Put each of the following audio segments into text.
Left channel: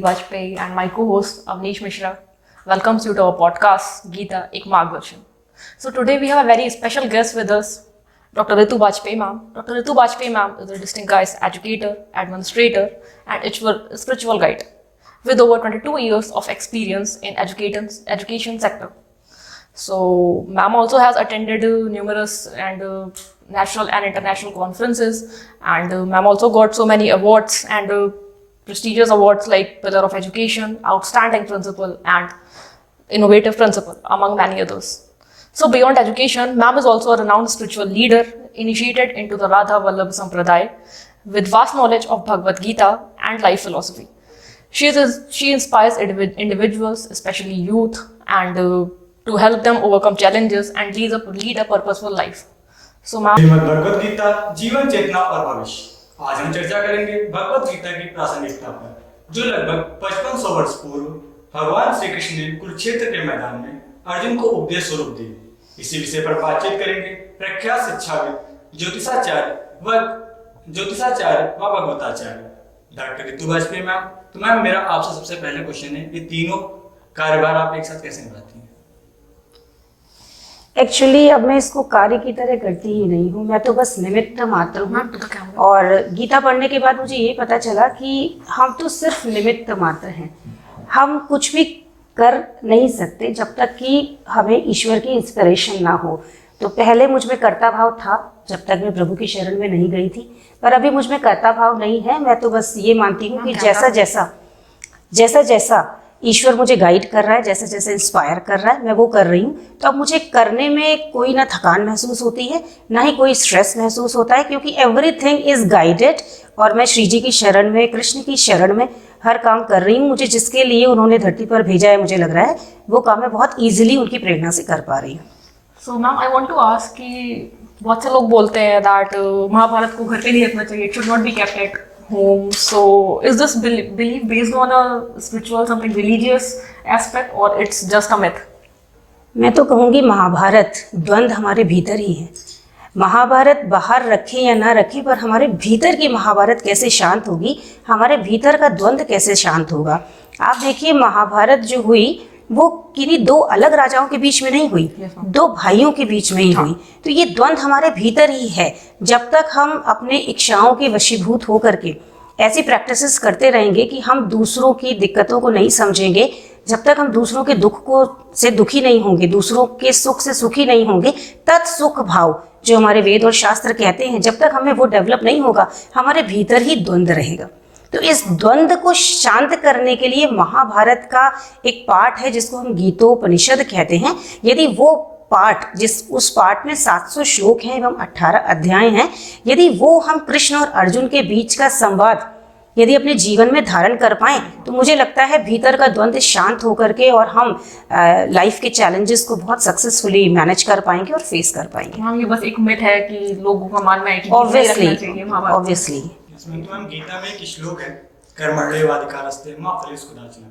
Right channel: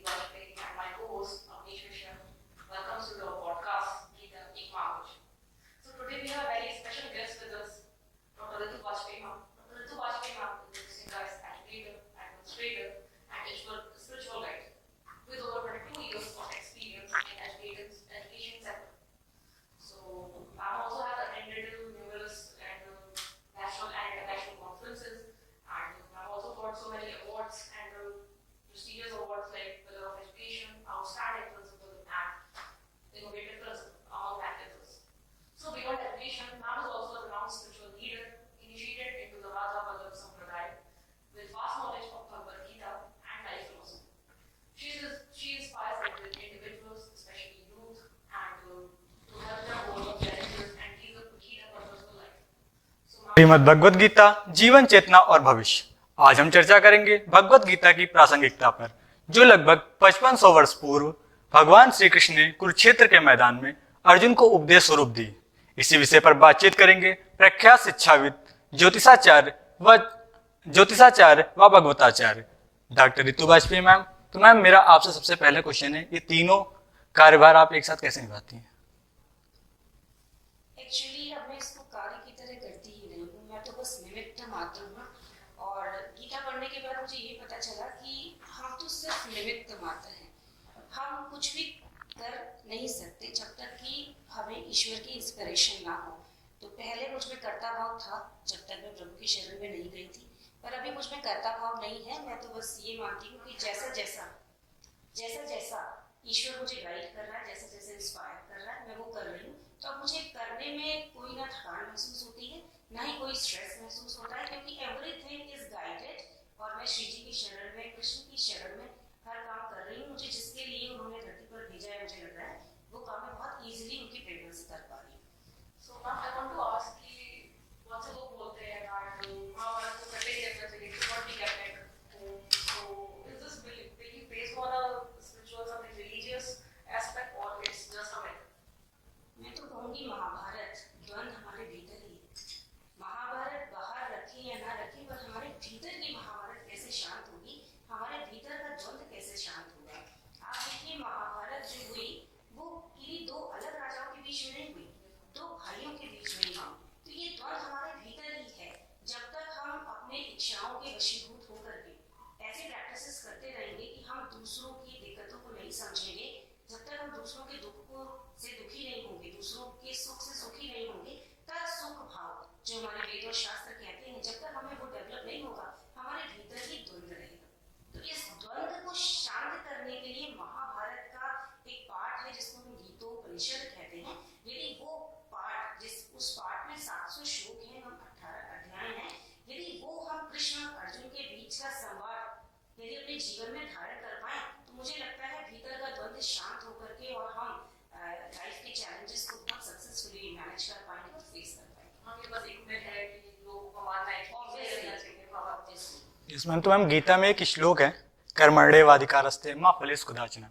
Nidhi Bajpayee and my co-host Avnish Mishra welcomes you to our podcast Geeta Ek Margdarshan. So today we have a very special guest with us, Dr. Ritu Bajpayee ma'am. Dr. Ritu Bajpayee ma'am is a distinguished educator, administrator and spiritual guide with over 22 years of experience in education sector. So ma'am also has attended numerous and national and international conferences, and ma'am also got so many awards and prestigious awards like Pillar of Education, Outstanding Principal and Innovative Principal, among many others. So beyond education, ma'am is also a renowned spiritual leader initiated into the Radha Vallabh Sampradaya with vast knowledge of Bhagavad Gita and life philosophy. She inspires individuals, especially youth, and to help them overcome challenges and lead a purposeful life. So ma'am, Shrimad Bhagavad Gita जीवन चेतना और भविष्य। आज हम चर्चा करेंगे भगवद गीता की प्रासंगिकता पर, जो लगभग 5500 वर्ष पूर्व भगवान श्री कृष्ण ने कुरुक्षेत्र के मैदान में अर्जुन को उपदेश स्वरूप दी। इसी विषय पर बातचीत करेंगे प्रख्यात शिक्षाविद, ज्योतिषाचार्य व भगवताचार्य डॉक्टर रितु बाजपेयी मैम। तो मैम, मेरा आपसे सबसे पहले क्वेश्चन है, ये तीनों कार्यभार आप एक साथ कैसे निभाती हैं? एक्चुअली अब मैं इसको कार्य की तरह करती ही नहीं हूँ, मैं तो बस निमित्त मात्र हूँ। और गीता पढ़ने के बाद मुझे ये पता चला कि हम तो सिर्फ निमित्त मात्र हैं, हम कुछ भी कर नहीं सकते जब तक कि हमें ईश्वर की इंस्पिरेशन ना हो। तो पहले मुझ में कर्ता भाव था जब तक मैं प्रभु की शरण में नहीं गई थी, पर अभी मुझ में कर्ता भाव नहीं है। मैं तो बस ये मानती हूँ कि जैसा जैसा ईश्वर मुझे गाइड कर रहा है, जैसे जैसे इंस्पायर कर रहा है, मैं वो कर रही हूँ। तो अब मुझे करने में कोई ना थकान महसूस होती है, ना ही कोई स्ट्रेस महसूस होता है, क्योंकि एवरीथिंग इज गाइडेड। और मैं श्री जी की शरण में, कृष्ण की शरण में हर काम कर रही हूँ। मुझे जिसके लिए उन्होंने धरती पर भेजा है, मुझे लग रहा है वो काम मैं बहुत ईजिली उनकी प्रेरणा से कर पा रही हूँ। So ma'am, I want to ask कि बहुत से लोग बोलते हैं दैट महाभारत को घर पे नहीं रखना चाहिए, it should not be kept at home. So is this belief based on a spiritual, something religious aspect, or it's just a myth? मैं तो कहूँगी महाभारत द्वंद्व हमारे भीतर ही है। महाभारत बाहर रखे या ना रखे, पर हमारे भीतर की महाभारत कैसे शांत होगी, हमारे भीतर का द्वंद्व कैसे शांत होगा। आप देखिए, महाभारत जो हुई वो किन्हीं दो अलग राजाओं के बीच में नहीं हुई, दो भाइयों के बीच में ही हुई। तो ये द्वंद्व हमारे भीतर ही है। जब तक हम अपने इच्छाओं के वशीभूत होकर के ऐसी प्रैक्टिसेस करते रहेंगे कि हम दूसरों की दिक्कतों को नहीं समझेंगे, जब तक हम दूसरों के दुख को से दुखी नहीं होंगे, दूसरों के सुख से सुखी नहीं होंगे, तत्सुख भाव जो हमारे वेद और शास्त्र कहते हैं, जब तक हमें वो डेवलप नहीं होगा, हमारे भीतर ही द्वंद्व रहेगा। तो इस द्वंद्व को शांत करने के लिए महाभारत का एक पाठ है जिसको हम गीतोपनिषद कहते हैं। यदि वो पाठ, उस पाठ में 700 श्लोक हैं एवं 18 अध्याय हैं, यदि वो हम कृष्ण और अर्जुन के बीच का संवाद यदि अपने जीवन में धारण कर पाएं, तो मुझे लगता है भीतर का द्वंद्व शांत होकर के और हम लाइफ के चैलेंजेस को बहुत सक्सेसफुली मैनेज कर पाएंगे और फेस कर पाएंगे। हाँ, ये बस एक मिथ है कि लोगों का मानना है कि ऑब्वियसली मैम, तो मैम गीता में एक श्लोक है, कर्मण्येवाधिकारस्ते मा फलेषु कदाचन।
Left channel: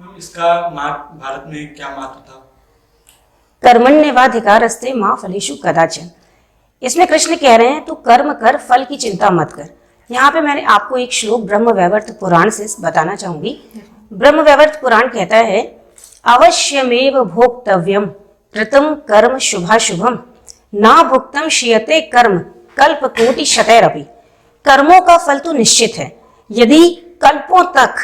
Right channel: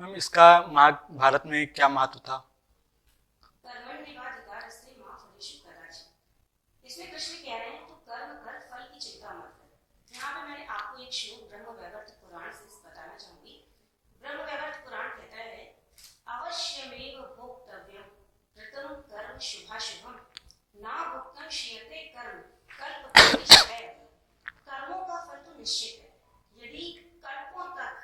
मैम, इसका भारत में क्या महत्व था? कर्मण्येवाधिकारस्ते मा फलेषु कदाचन, इसमें कृष्ण कह रहे हैं तू कर्म कर, फल की चिंता मत कर। यहाँ पे मैंने आपको एक श्लोक ब्रह्मवैवर्त पुराण से बताना चाहूंगी। ब्रह्मवैवर्त पुराण कहता है, अवश्यमेव भोक्तव्यम कृतं कर्म शुभाशुभम ना भुक्तम क्षीयते कर्म कल्पकोटि शतैरपि। कर्मों का फल तो निश्चित है, यदि कल्पों तक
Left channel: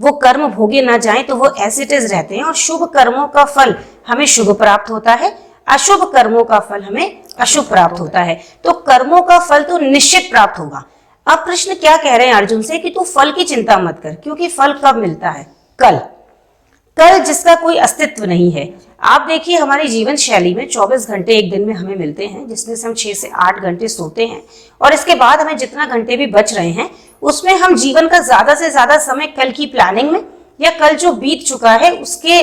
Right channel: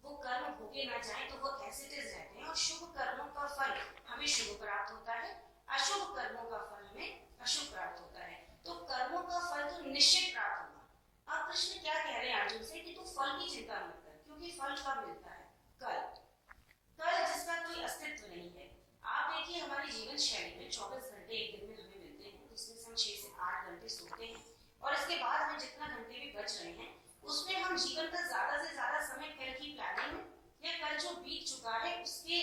वो कर्म भोगे ना जाएं तो वो एज इट इज रहते हैं, और शुभ कर्मों का फल हमें शुभ प्राप्त होता है, अशुभ कर्मों का फल हमें अशुभ प्राप्त होता है। तो कर्मों का फल तो निश्चित प्राप्त होगा। अब कृष्ण क्या कह रहे हैं अर्जुन से कि तू फल की चिंता मत कर, क्योंकि फल कब मिलता है? कल जिसका कोई अस्तित्व नहीं है। आप देखिए, हमारी जीवन शैली में 24 घंटे एक दिन में हमें मिलते हैं, जिसमें से हम 6 से 8 घंटे सोते हैं, और इसके बाद हमें जितना घंटे भी बच रहे हैं उसमें हम जीवन का ज्यादा से ज्यादा समय कल की प्लानिंग में या कल जो बीत चुका है उसके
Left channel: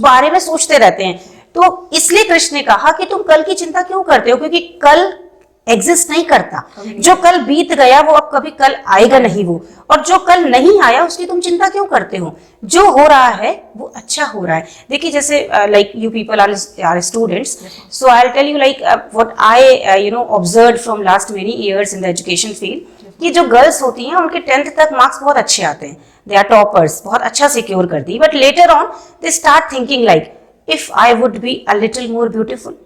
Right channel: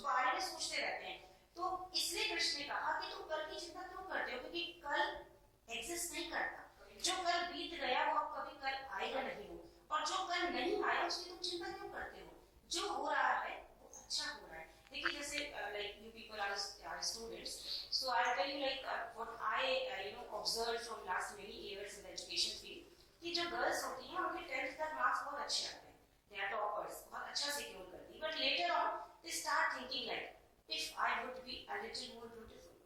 बारे में सोचते रहते हैं। तो इसलिए कृष्ण ने कहा कि तुम कल की चिंता क्यों करते हो, क्योंकि कल एग्जिस्ट नहीं करता। जो कल बीत गया वो अब कभी कल आएगा नहीं वो, और जो कल नहीं आया उसकी तुम चिंता क्यों करते हो? जो हो रहा है वो अच्छा हो रहा है। देखिए, जैसे like you people are students, so I will tell you like what I observed from last many years in the education field, कि जो गर्ल्स होती हैं उनके 10th तक मार्क्स बहुत अच्छे आते हैं, दे आर टॉपर्स, बहुत अच्छा सिक्योर करती, but later on they start thinking like if I would be a little more beautiful,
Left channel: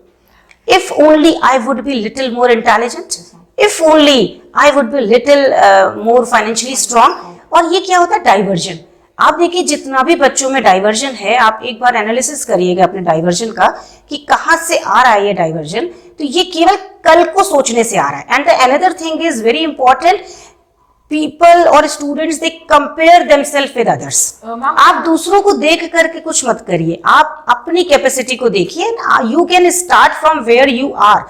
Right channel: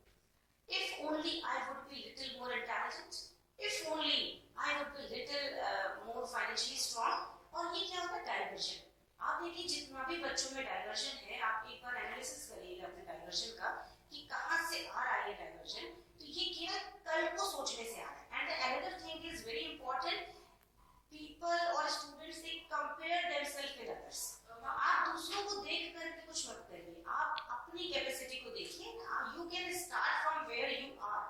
if only I would be little more intelligent, if only I would be little more financially strong। और ये क्या होता है? Diversion. आप देखिए जितना भी बच्चों में डाइवर्जन है, आप एक बार एनालिसिस करिएगा अपने डाइवर्जन का कि कहाँ से आ रहा है ये डाइवर्जन। तो ये केवल कल को सोचने से आ रहा है। And the another thing is very important, people और students they compare themselves with others. आप दूसरों को देख करके कुछ मत करिए, आप अपनी कैपेसिटी को देखिए। You can start from where you are.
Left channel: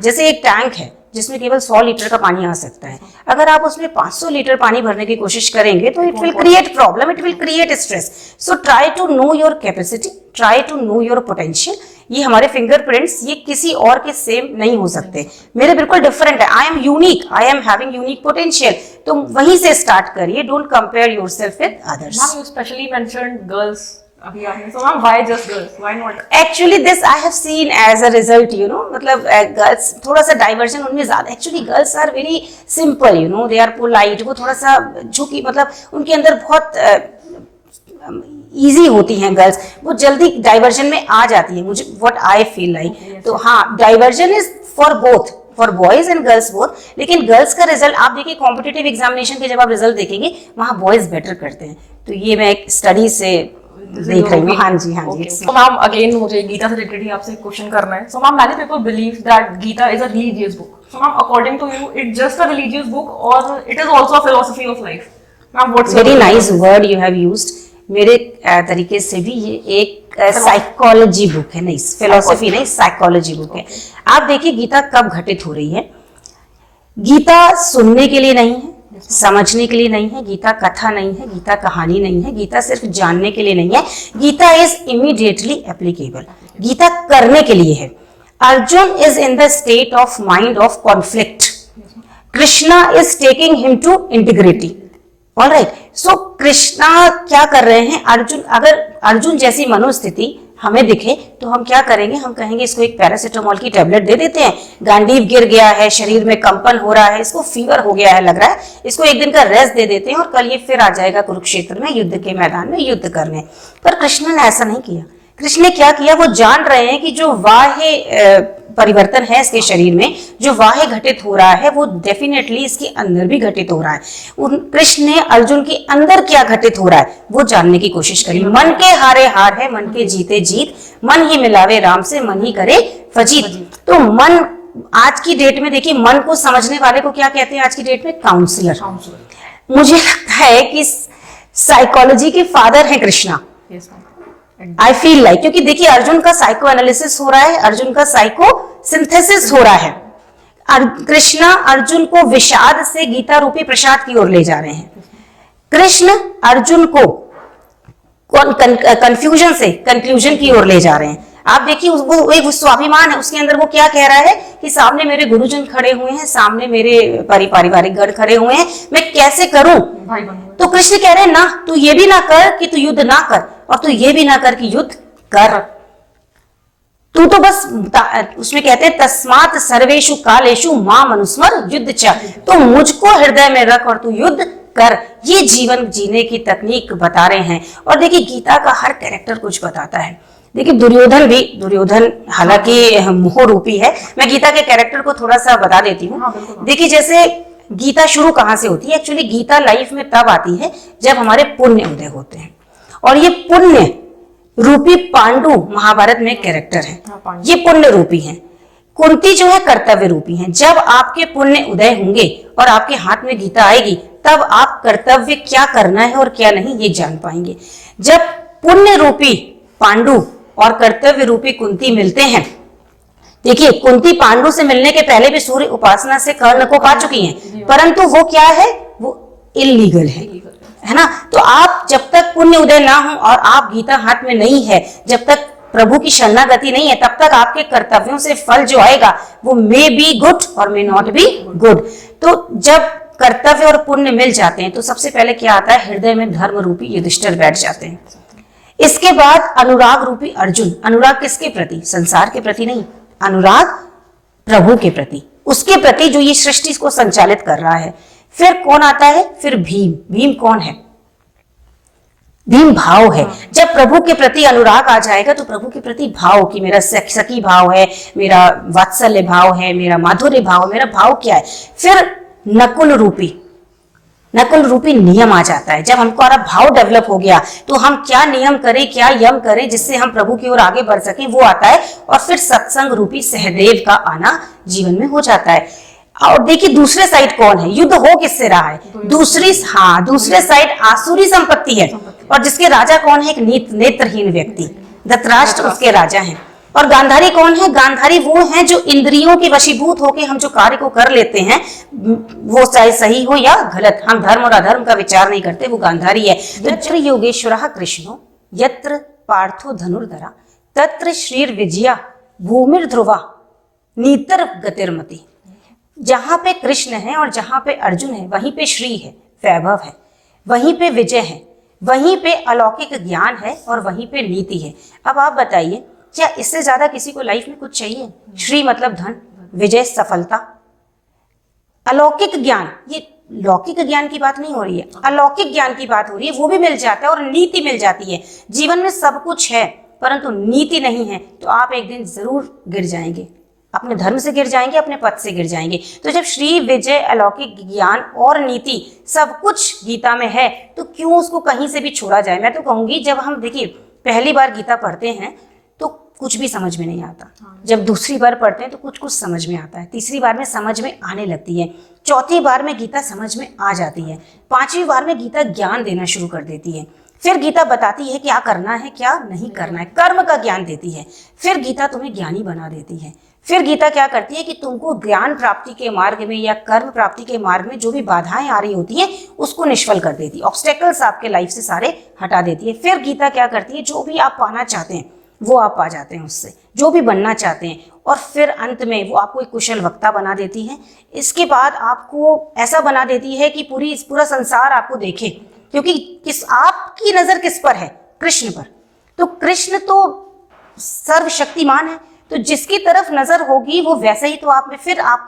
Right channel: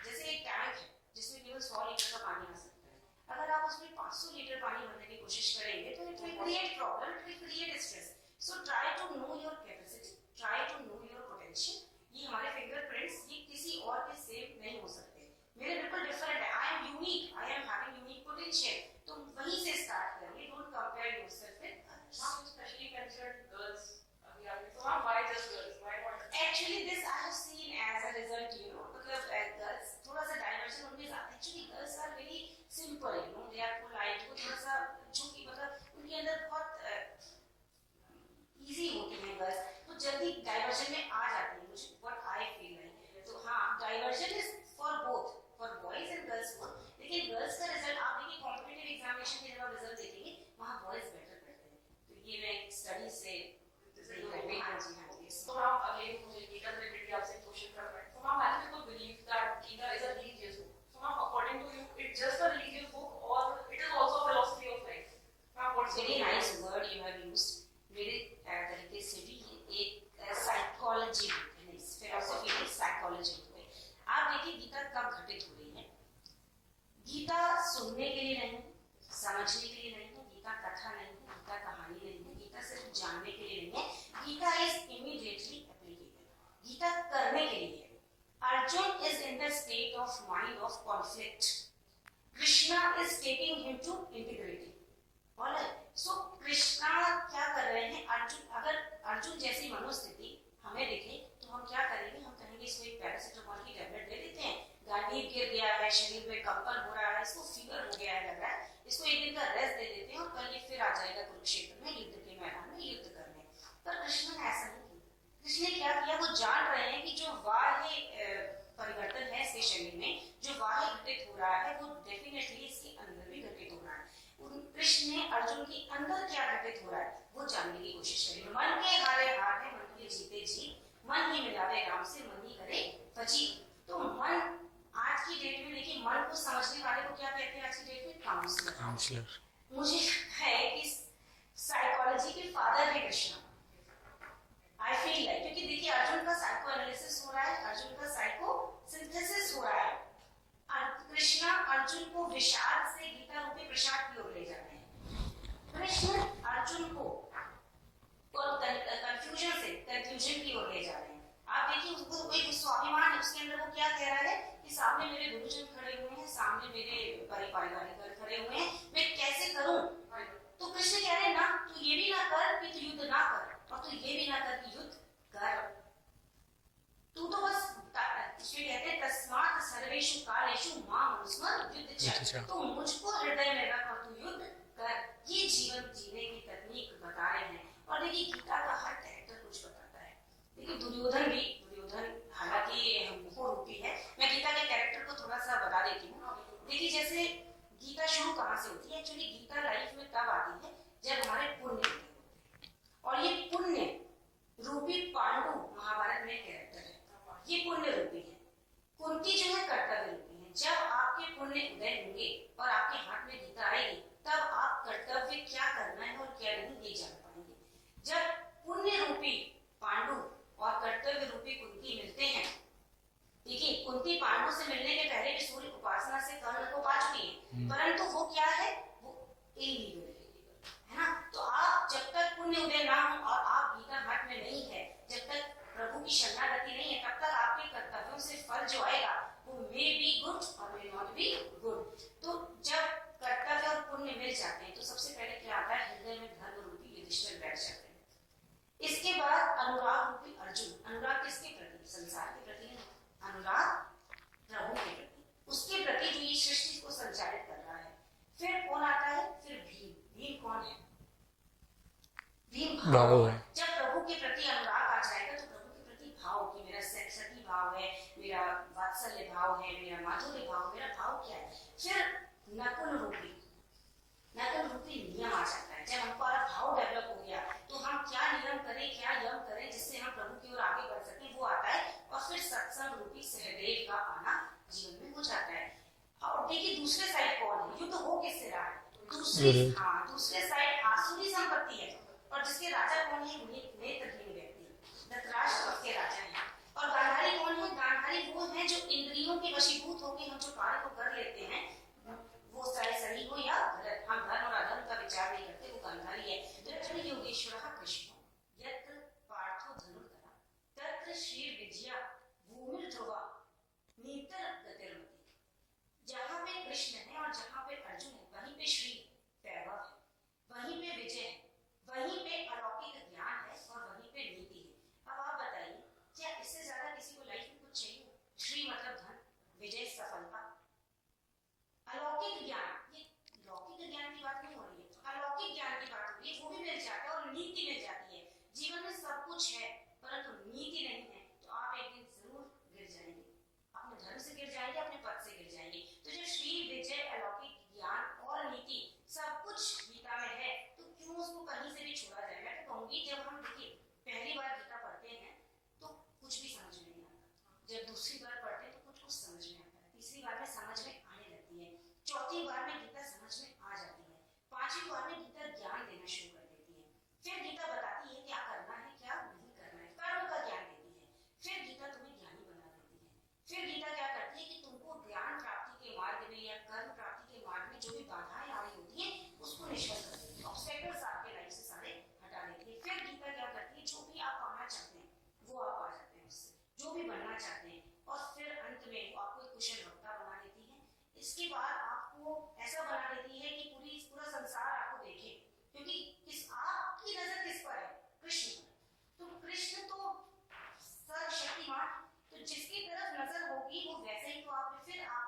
जैसे एक टैंक है जिसमें केवल 100 लीटर का पानी आ सकता है, अगर आप उसमें 500 लीटर पानी भरने की कोशिश करेंगे तो it will create problem, it will create stress. So try to know your capacity, try to know your potential. ये हमारे फिंगरप्रिंट्स ये किसी और के सेम नहीं हो सकते, मेरे बिल्कुल डिफरेंट है। I am unique, I am having unique potential. तो वहीं से स्टार्ट करिए, don't compare yourself with others. Ma'am you specially mentioned girls अभी आपने, so ma'am why just girls, why not? Actually this I have seen as a result, you know, मतलब girls थोड़ा सा diversion उनमें ज्यादा। Actually girls are very simple, you know, they are polite, वो थोड़ा सा झुकी, मतलब उनके अंदर बहुत ईजी होती हैं गर्ल्स, वो जल्दी डाइवर्जन में आ जाती है, मुझे व्हाट आई फील लाइक। तो हाँ, diversion is for both, for boys and girls both. लेकिन गर्ल्स का रिजल्ट आप देखिए, कॉम्पिटिटिव एग्जामिनेशन के जब आप रिजल्ट देखेंगे वहाँ बॉयज बेटर करते हैं। तो ये मैं एक स्टडी से देख रही हूँ। हाँ जी, हाँ जी। So मैम अगेन मुझे गीता से रिलेटेड ही आपसे क्वेश्चन करना है। So ma'am many people believe that Gita is a religious book. So ma'am according to you it just a religious book और it is also a philosophy of life? Ma'am what's very nice word you have used. मेरे तरीके से भी ये एक psychology book है, नहीं philosophy नहीं, साइकोलॉजी बुक है। आप देखिए गीता कब घटित हो रही है। गीता सुनने के लिए नहीं है, समझने के लिए नहीं है, गीता कथा नहीं है, गीता कहानी नहीं है, गीता सिर्फ जानने के लिए नहीं है, Gita is immediately applicable, Gita करने के लिए है। Arjun is in the state of mind of conflict, Krishna is taking him to integrity. Alright, so Krishna क्या कर रहे हैं? अर्जुन, अगर अर्जुन जैसी मनोस्थिति हमें दिखे तो हम क्या करेंगे? हम कहेंगे इसको एक पैरासिटामोल की टेबलेट दे देते हैं, गांडीव गिर गया है, शरीर में कंपन हो रहा है, इसको फीवर हो गया है लग रहा है, इसको एक दिन का रेस्ट दे देते हैं और कल ये फिर आ जाएगा कुरुक्षेत्र में युद्ध के मैदान में युद्ध करने। पर कृष्ण ने ऐसा नहीं किया। कृष्ण ने क्या किया? वो जान रहे हैं कि जो बाह्य परिवर्तन है इसके शरीर में, जो बाह्य घटित हो रहा है वो डेफिनेटली इसके अंदर भी घटित हो रहा है। कृष्ण ने अर्जुन के अंदर क्या घटित हो रहा है वो जानने की कोशिश करी। मन के हारे हार है, मन के जीते जीत, मन ही मिलावे राम से, मन ही करे फजीत। तो मन आज की डेट में देखिए, मन को समझने वाले को क्या कहते हैं आज की डेट में? काउंसलर। मुझे लगता है कि साइकोलॉजी के फादर हैं कृष्णा, आई फील लाइक, क्योंकि देखिए अर्जुन का साइको एनालिसिस हो रहा है, अर्जुन का साइको सिंथेसिस हो रहा है। कृष्णा अर्जुन को विषाद से गीता रूपी प्रसाद की ओर ले जा रहे हैं। कृष्ण अर्जुन को कंफ्यूजन से कंक्लूजन की ओर ले जा रहे हैं। आप देखिए वो एक स्वाभिमान है उसके अंदर, वो क्या कह रहा है कि सामने मेरे गुरुजन खड़े हुए हैं, सामने मेरे पारिवारिक गढ़ खड़े हुए हैं, मैं कैसे करूं? तो कृष्ण कह रहे हैं ना, तू ये भी ना कर कि तू युद्ध ना कर, और तू ये भी ना कर कि युद्ध कर। तू तो बस, उसमें कहते हैं तस्मात् सर्वेषु कालेषु मां मनुस्मर युद्ध च, तो मुझको हृदय में रख और तू युद्ध कर। ये जीवन जीने की तकनीक बता रहे हैं। और देखिए गीता का हर कैरेक्टर कुछ बताता है। देखिए दुर्योधन भी, दुर्योधन हालांकि मोह रूपी है, मैं गीता के कैरेक्टर को थोड़ा सा बता देती हूँ। देखिए जैसे गीता शुरू कहाँ से होती है? एक्चुअली गीता लाइफ में तब आती है जब हमारे पुण्य उदय होते हैं, और ये पुण्य रूपी पांडु महाभारत में कैरेक्टर है, ये पुण्य रूपी हैं। कुंती जो है कर्तव्य रूपी हैं। जब आपके पुण्य उदय होंगे और आपके हाथ में गीता आएगी तब आप कर्तव्य क्या करना है और क्या नहीं ये जान पाएंगे। जब पुण्य रूपी पांडु और कर्तव्य रूपी कुंती मिलते हैं, देखिए कुंती पांडु से मिलने के पहले भी सूर्य उपासना से कर्ण को पा चुकी हैं, परंतु वो क्या है? वो इलीगल है ना। तो आप जब तक पुण्य उदय ना हो और आप गीता हाथ में नहीं है, जब तक प्रभु की शरणागति नहीं है, तब तक आपके कर्तव्यों से फल जो आएगा वो मे बी गुड और मे नॉट बी गुड। तो जब कर्तव्य और पुण्य मिल जाते हैं तो सबसे पहले क्या आता है? हृदय में धर्म रूपी युधिष्ठिर बैठ जाते हैं। इसके बाद अनुराग रूपी अर्जुन। अनुराग किसके प्रति? संसार के प्रति नहीं, अनुराग प्रभु के प्रति, उसके प्रति जो ये सृष्टि को संचालित कर रहा है। फिर कौन आता है? फिर भीम। भीम कौन है? भीम भाव है। जब प्रभु के प्रति अनुराग आ जाएगा तो प्रभु के प्रति भाव कि मेरा सखी भाव है, मेरा वात्सल्य भाव है, मेरा माधुर्य भाव, मेरा भाव क्या है, फिर नकुल रूपी नियम आ जाता है। जब हमको हमारा भाव डेवलप हो गया तो हम क्या नियम करें, क्या यम करें जिससे हम प्रभु की ओर आगे बढ़ सकें, वो आता है। और फिर सत्संग रूपी सहदेव का आना जीवन में हो जाता है। और देखिए दूसरे साइड कौन है, युद्ध हो किससे रहा है, दूसरे साइड आसुरी संपत्ति है। और जिसके राजा कौन है, एक नेत्रहीन व्यक्ति, धृतराष्ट्र उसके राजा हैं। और गांधारी कौन है, गांधारी वो हैं जो इंद्रियों के वशीभूत होकर हम जो कार्य को कर लेते हैं, वो चाहे सही हो या गलत, हम धर्म और अधर्म का विचार नहीं करते, वो गांधारी है। यत्र योगेश्वरः कृष्णो यत्र पार्थो धनुर्धरा तत्र श्रीर विजया भूमिर ध्रुवा नीतर गतिर्मति। जहां पे कृष्ण है और जहां पे अर्जुन है वहीं पे श्री है, वैभव है, वहीं पे विजय है, वहीं पे अलौकिक ज्ञान है और वहीं पे नीति है। अब आप बताइए क्या इससे ज्यादा किसी को लाइफ में कुछ चाहिए? श्री मतलब धन, विजय सफलता, अलौकिक ज्ञान, ये लौकिक ज्ञान की बात नहीं हो रही है, अलौकिक ज्ञान की बात हो रही है, वो भी मिल जाता है और नीति मिल जाती है। जीवन में सब कुछ है परंतु नीति नहीं है तो आप एक दिन जरूर गिर जाएंगे, अपने धर्म से गिर जाएंगे, अपने पद से गिर जाएंगे। तो जब श्री विजय अलौकिक ज्ञान और नीति सब कुछ गीता में है तो क्यों उसको कहीं से भी छोड़ा जाए। मैं तो कहूंगी जब हम देखिए पहली बार गीता पढ़ते हैं तो कुछ भी समझ में नहीं आता, जब दूसरी बार पढ़ते हैं तो कुछ कुछ समझ में आता है, तीसरी बार में समझ में आने लगती है, चौथी बार में गीता समझ में आ जाती है, पांचवी बार में गीता ज्ञान देना शुरू कर देती है। फिर गीता बताती है क्या करना है क्या नहीं करना है, कर्म का ज्ञान देती है। फिर गीता तुम्हें ज्ञानी बना देती है। फिर गीता क्या करती है कि तुमको ज्ञान प्राप्ति के मार्ग में या कर्म प्राप्ति के मार्ग में जो भी बाधाएं आ रही होती हैं उसको निष्फल कर देती है, ऑब्स्टेकल्स आपके लाइफ से सारे हटा देती है। फिर गीता क्या करती है, जो भी आप पाना चाहते हैं वो आप पा जाते हैं उससे, जो भी बनना चाहते हैं। और फिर अंत में वो आपको एक कुशल वक्ता बना देती है। इसके बाद आपको ऐसा बना देती है कि पूरा संसार आपको देखे, क्योंकि आपकी नजर किस पर है, कृष्ण पर। तो कृष्ण तो सर्वशक्तिमान है, तो जिसकी तरफ नजर होगी वो वैसे ही तो आप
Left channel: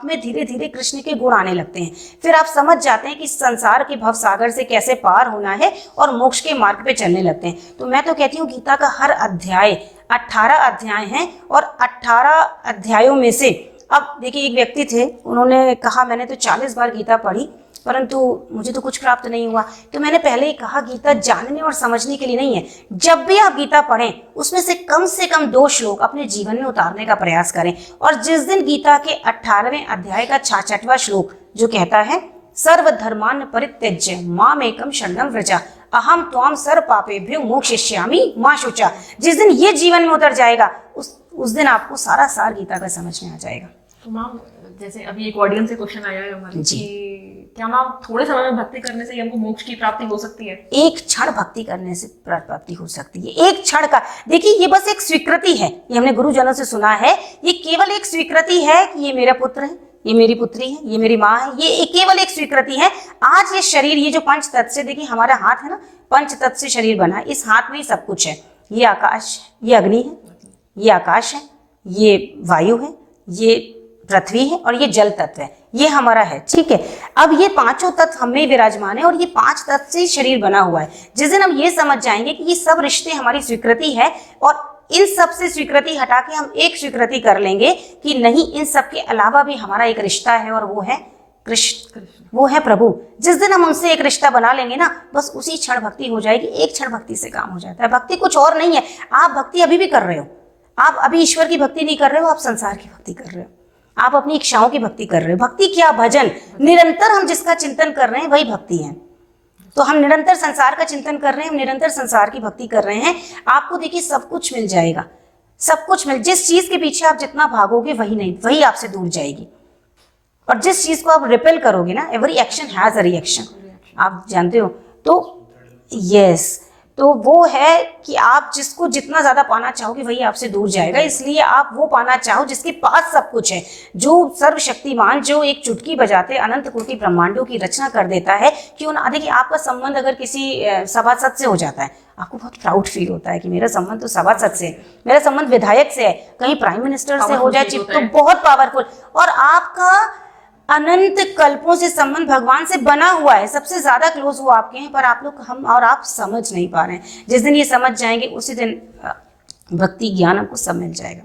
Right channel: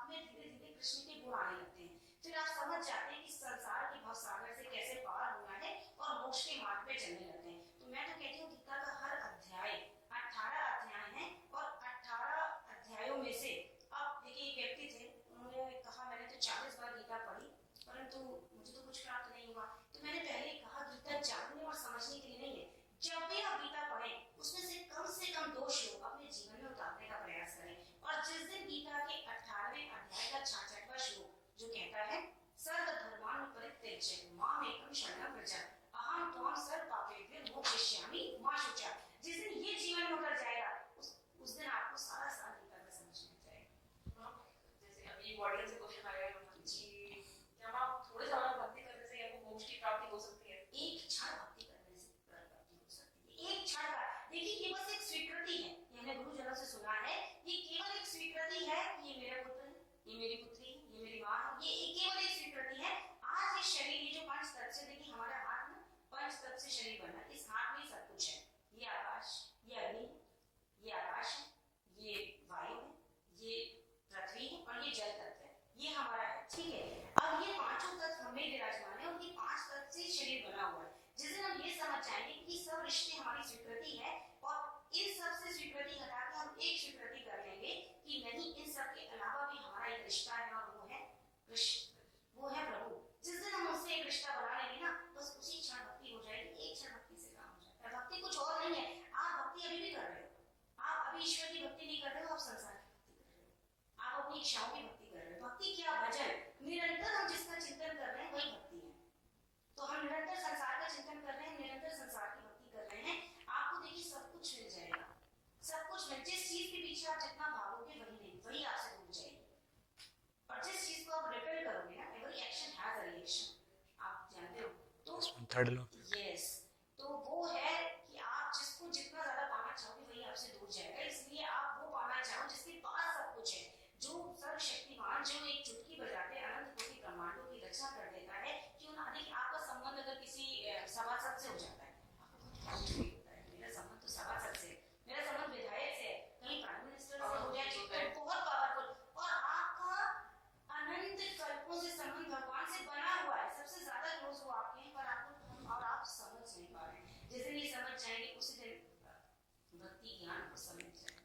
में धीरे धीरे कृष्ण के गुण आने लगते हैं। फिर आप समझ जाते हैं कि संसार के भव सागर से कैसे पार होना है और मोक्ष के मार्ग पे चलने लगते हैं। तो मैं तो कहती हूँ गीता का हर अध्याय 18 अध्याय हैं और 18 अध्यायों में से, अब देखिए एक व्यक्ति थे, उन्होंने कहा मैंने तो 40 बार गीता पढ़ी परंतु मुझे तो कुछ प्राप्त नहीं हुआ। तो मैंने पहले ही कहा गीता जानने और समझने के लिए नहीं है। जब भी आप गीता पढ़ें उसमें से कम 2 श्लोक अपने जीवन में उतारने का प्रयास करें। और जिस दिन गीता के 18वें अध्याय का 66वां श्लोक जो कहता है सर्वधर्मान् परित्यज्य मामेकं शरणं व्रज अहम त्वां सर्व पापेभ्यो मोक्षयिष्यामि मा शुचा, जिस दिन ये जीवन में उतर जाएगा उस दिन आपको सारा सार गीता का समझ में आ जाएगा। तो मैम जैसे अभी एक ऑडियंस से क्वेश्चन आया है हमारे कि क्या मैम थोड़े समय में भक्ति करने से हमको मोक्ष की प्राप्ति हो सकती है? एक क्षण भक्ति करने से प्राप्ति हो सकती है, एक क्षण का। देखिए ये बस एक स्वीकृति है, ये हमने गुरुजनों से सुना है, ये केवल एक स्वीकृति है कि ये मेरा पुत्र है, ये मेरी पुत्री है, ये मेरी माँ है, ये केवल एक स्वीकृति है। आज ये शरीर, ये जो पंच तत्व से, देखिए हमारा हाथ है ना, पंच तत्व से शरीर बना है, इस हाथ में ही सब कुछ है। ये आकाश, ये अग्नि है, ये आकाश है, ये वायु है, ये पृथ्वी है और ये जल तत्व है, ये हमारा है, ठीक है। अब ये पांचों तत्व हमें विराजमान है और ये 5 तत्व से शरीर बना हुआ है। जिस दिन हम ये समझ जाएंगे कि ये सब रिश्ते हमारी स्वीकृति है और इन सब से स्वीकृति हटा के हम एक स्वीकृति कर लेंगे कि नहीं, इन सब के अलावा भी हमारा एक रिश्ता है और वो है कृष्ण, वो है प्रभु। जिस दिन हम उनसे एक रिश्ता बना लेंगे ना, बस उसी क्षण भक्ति हो जाएगी। एक क्षण भक्ति से काम हो जाता है। भक्ति कुछ और नहीं है। आप भक्ति अभी भी कर रहे हो, आप अभी ईश्वर की भक्ति नहीं कर रहे हो, आप संसार की भक्ति कर रहे हो, आप अपनी इच्छाओं की भक्ति कर रहे हो। भक्ति क्या, भजन। निरंतर हम जिसका चिंतन कर रहे हैं वही भक्ति है। तो हम निरंतर संसार का चिंतन कर रहे हैं, हम निरंतर संसार की भक्ति कर रहे हैं। आपको देखिए सब कुछ मिल जाएगा, सब कुछ जिस चीज के पीछे आप जितना भागोगे वही आपसे दूर जाएगी। और जिस चीज को आप रिपेल करोगे ना, every action has a reaction, आप जानते हो। तो यस, तो वो है कि आप जिसको जितना ज्यादा पाना चाहोगे वही आपसे दूर जाएगा। इसलिए आप वो पाना चाहो जिसके पास सब कुछ है, जो सर्वशक्तिमान, जो एक चुटकी बजाते अनंत कोटि ब्रह्मांडों की रचना कर देता है। क्यों ना, देखिए आपका संबंध अगर किसी सभासद से हो जाता है, आपको बहुत प्राउड फील होता है कि मेरा संबंध तो सभासद से है, मेरा संबंध विधायक से है, कहीं प्राइम मिनिस्टर से हो जाए चिप तो बहुत पावरफुल। और आपका अनंत कल्पों से संबंध भगवान से बना हुआ है, सबसे ज्यादा क्लोज वो आपके हैं, पर आप लोग, हम और आप समझ नहीं पा रहे हैं। जिस दिन ये समझ जाएंगे उसी दिन भक्ति ज्ञान आपको सब मिल जाएगा।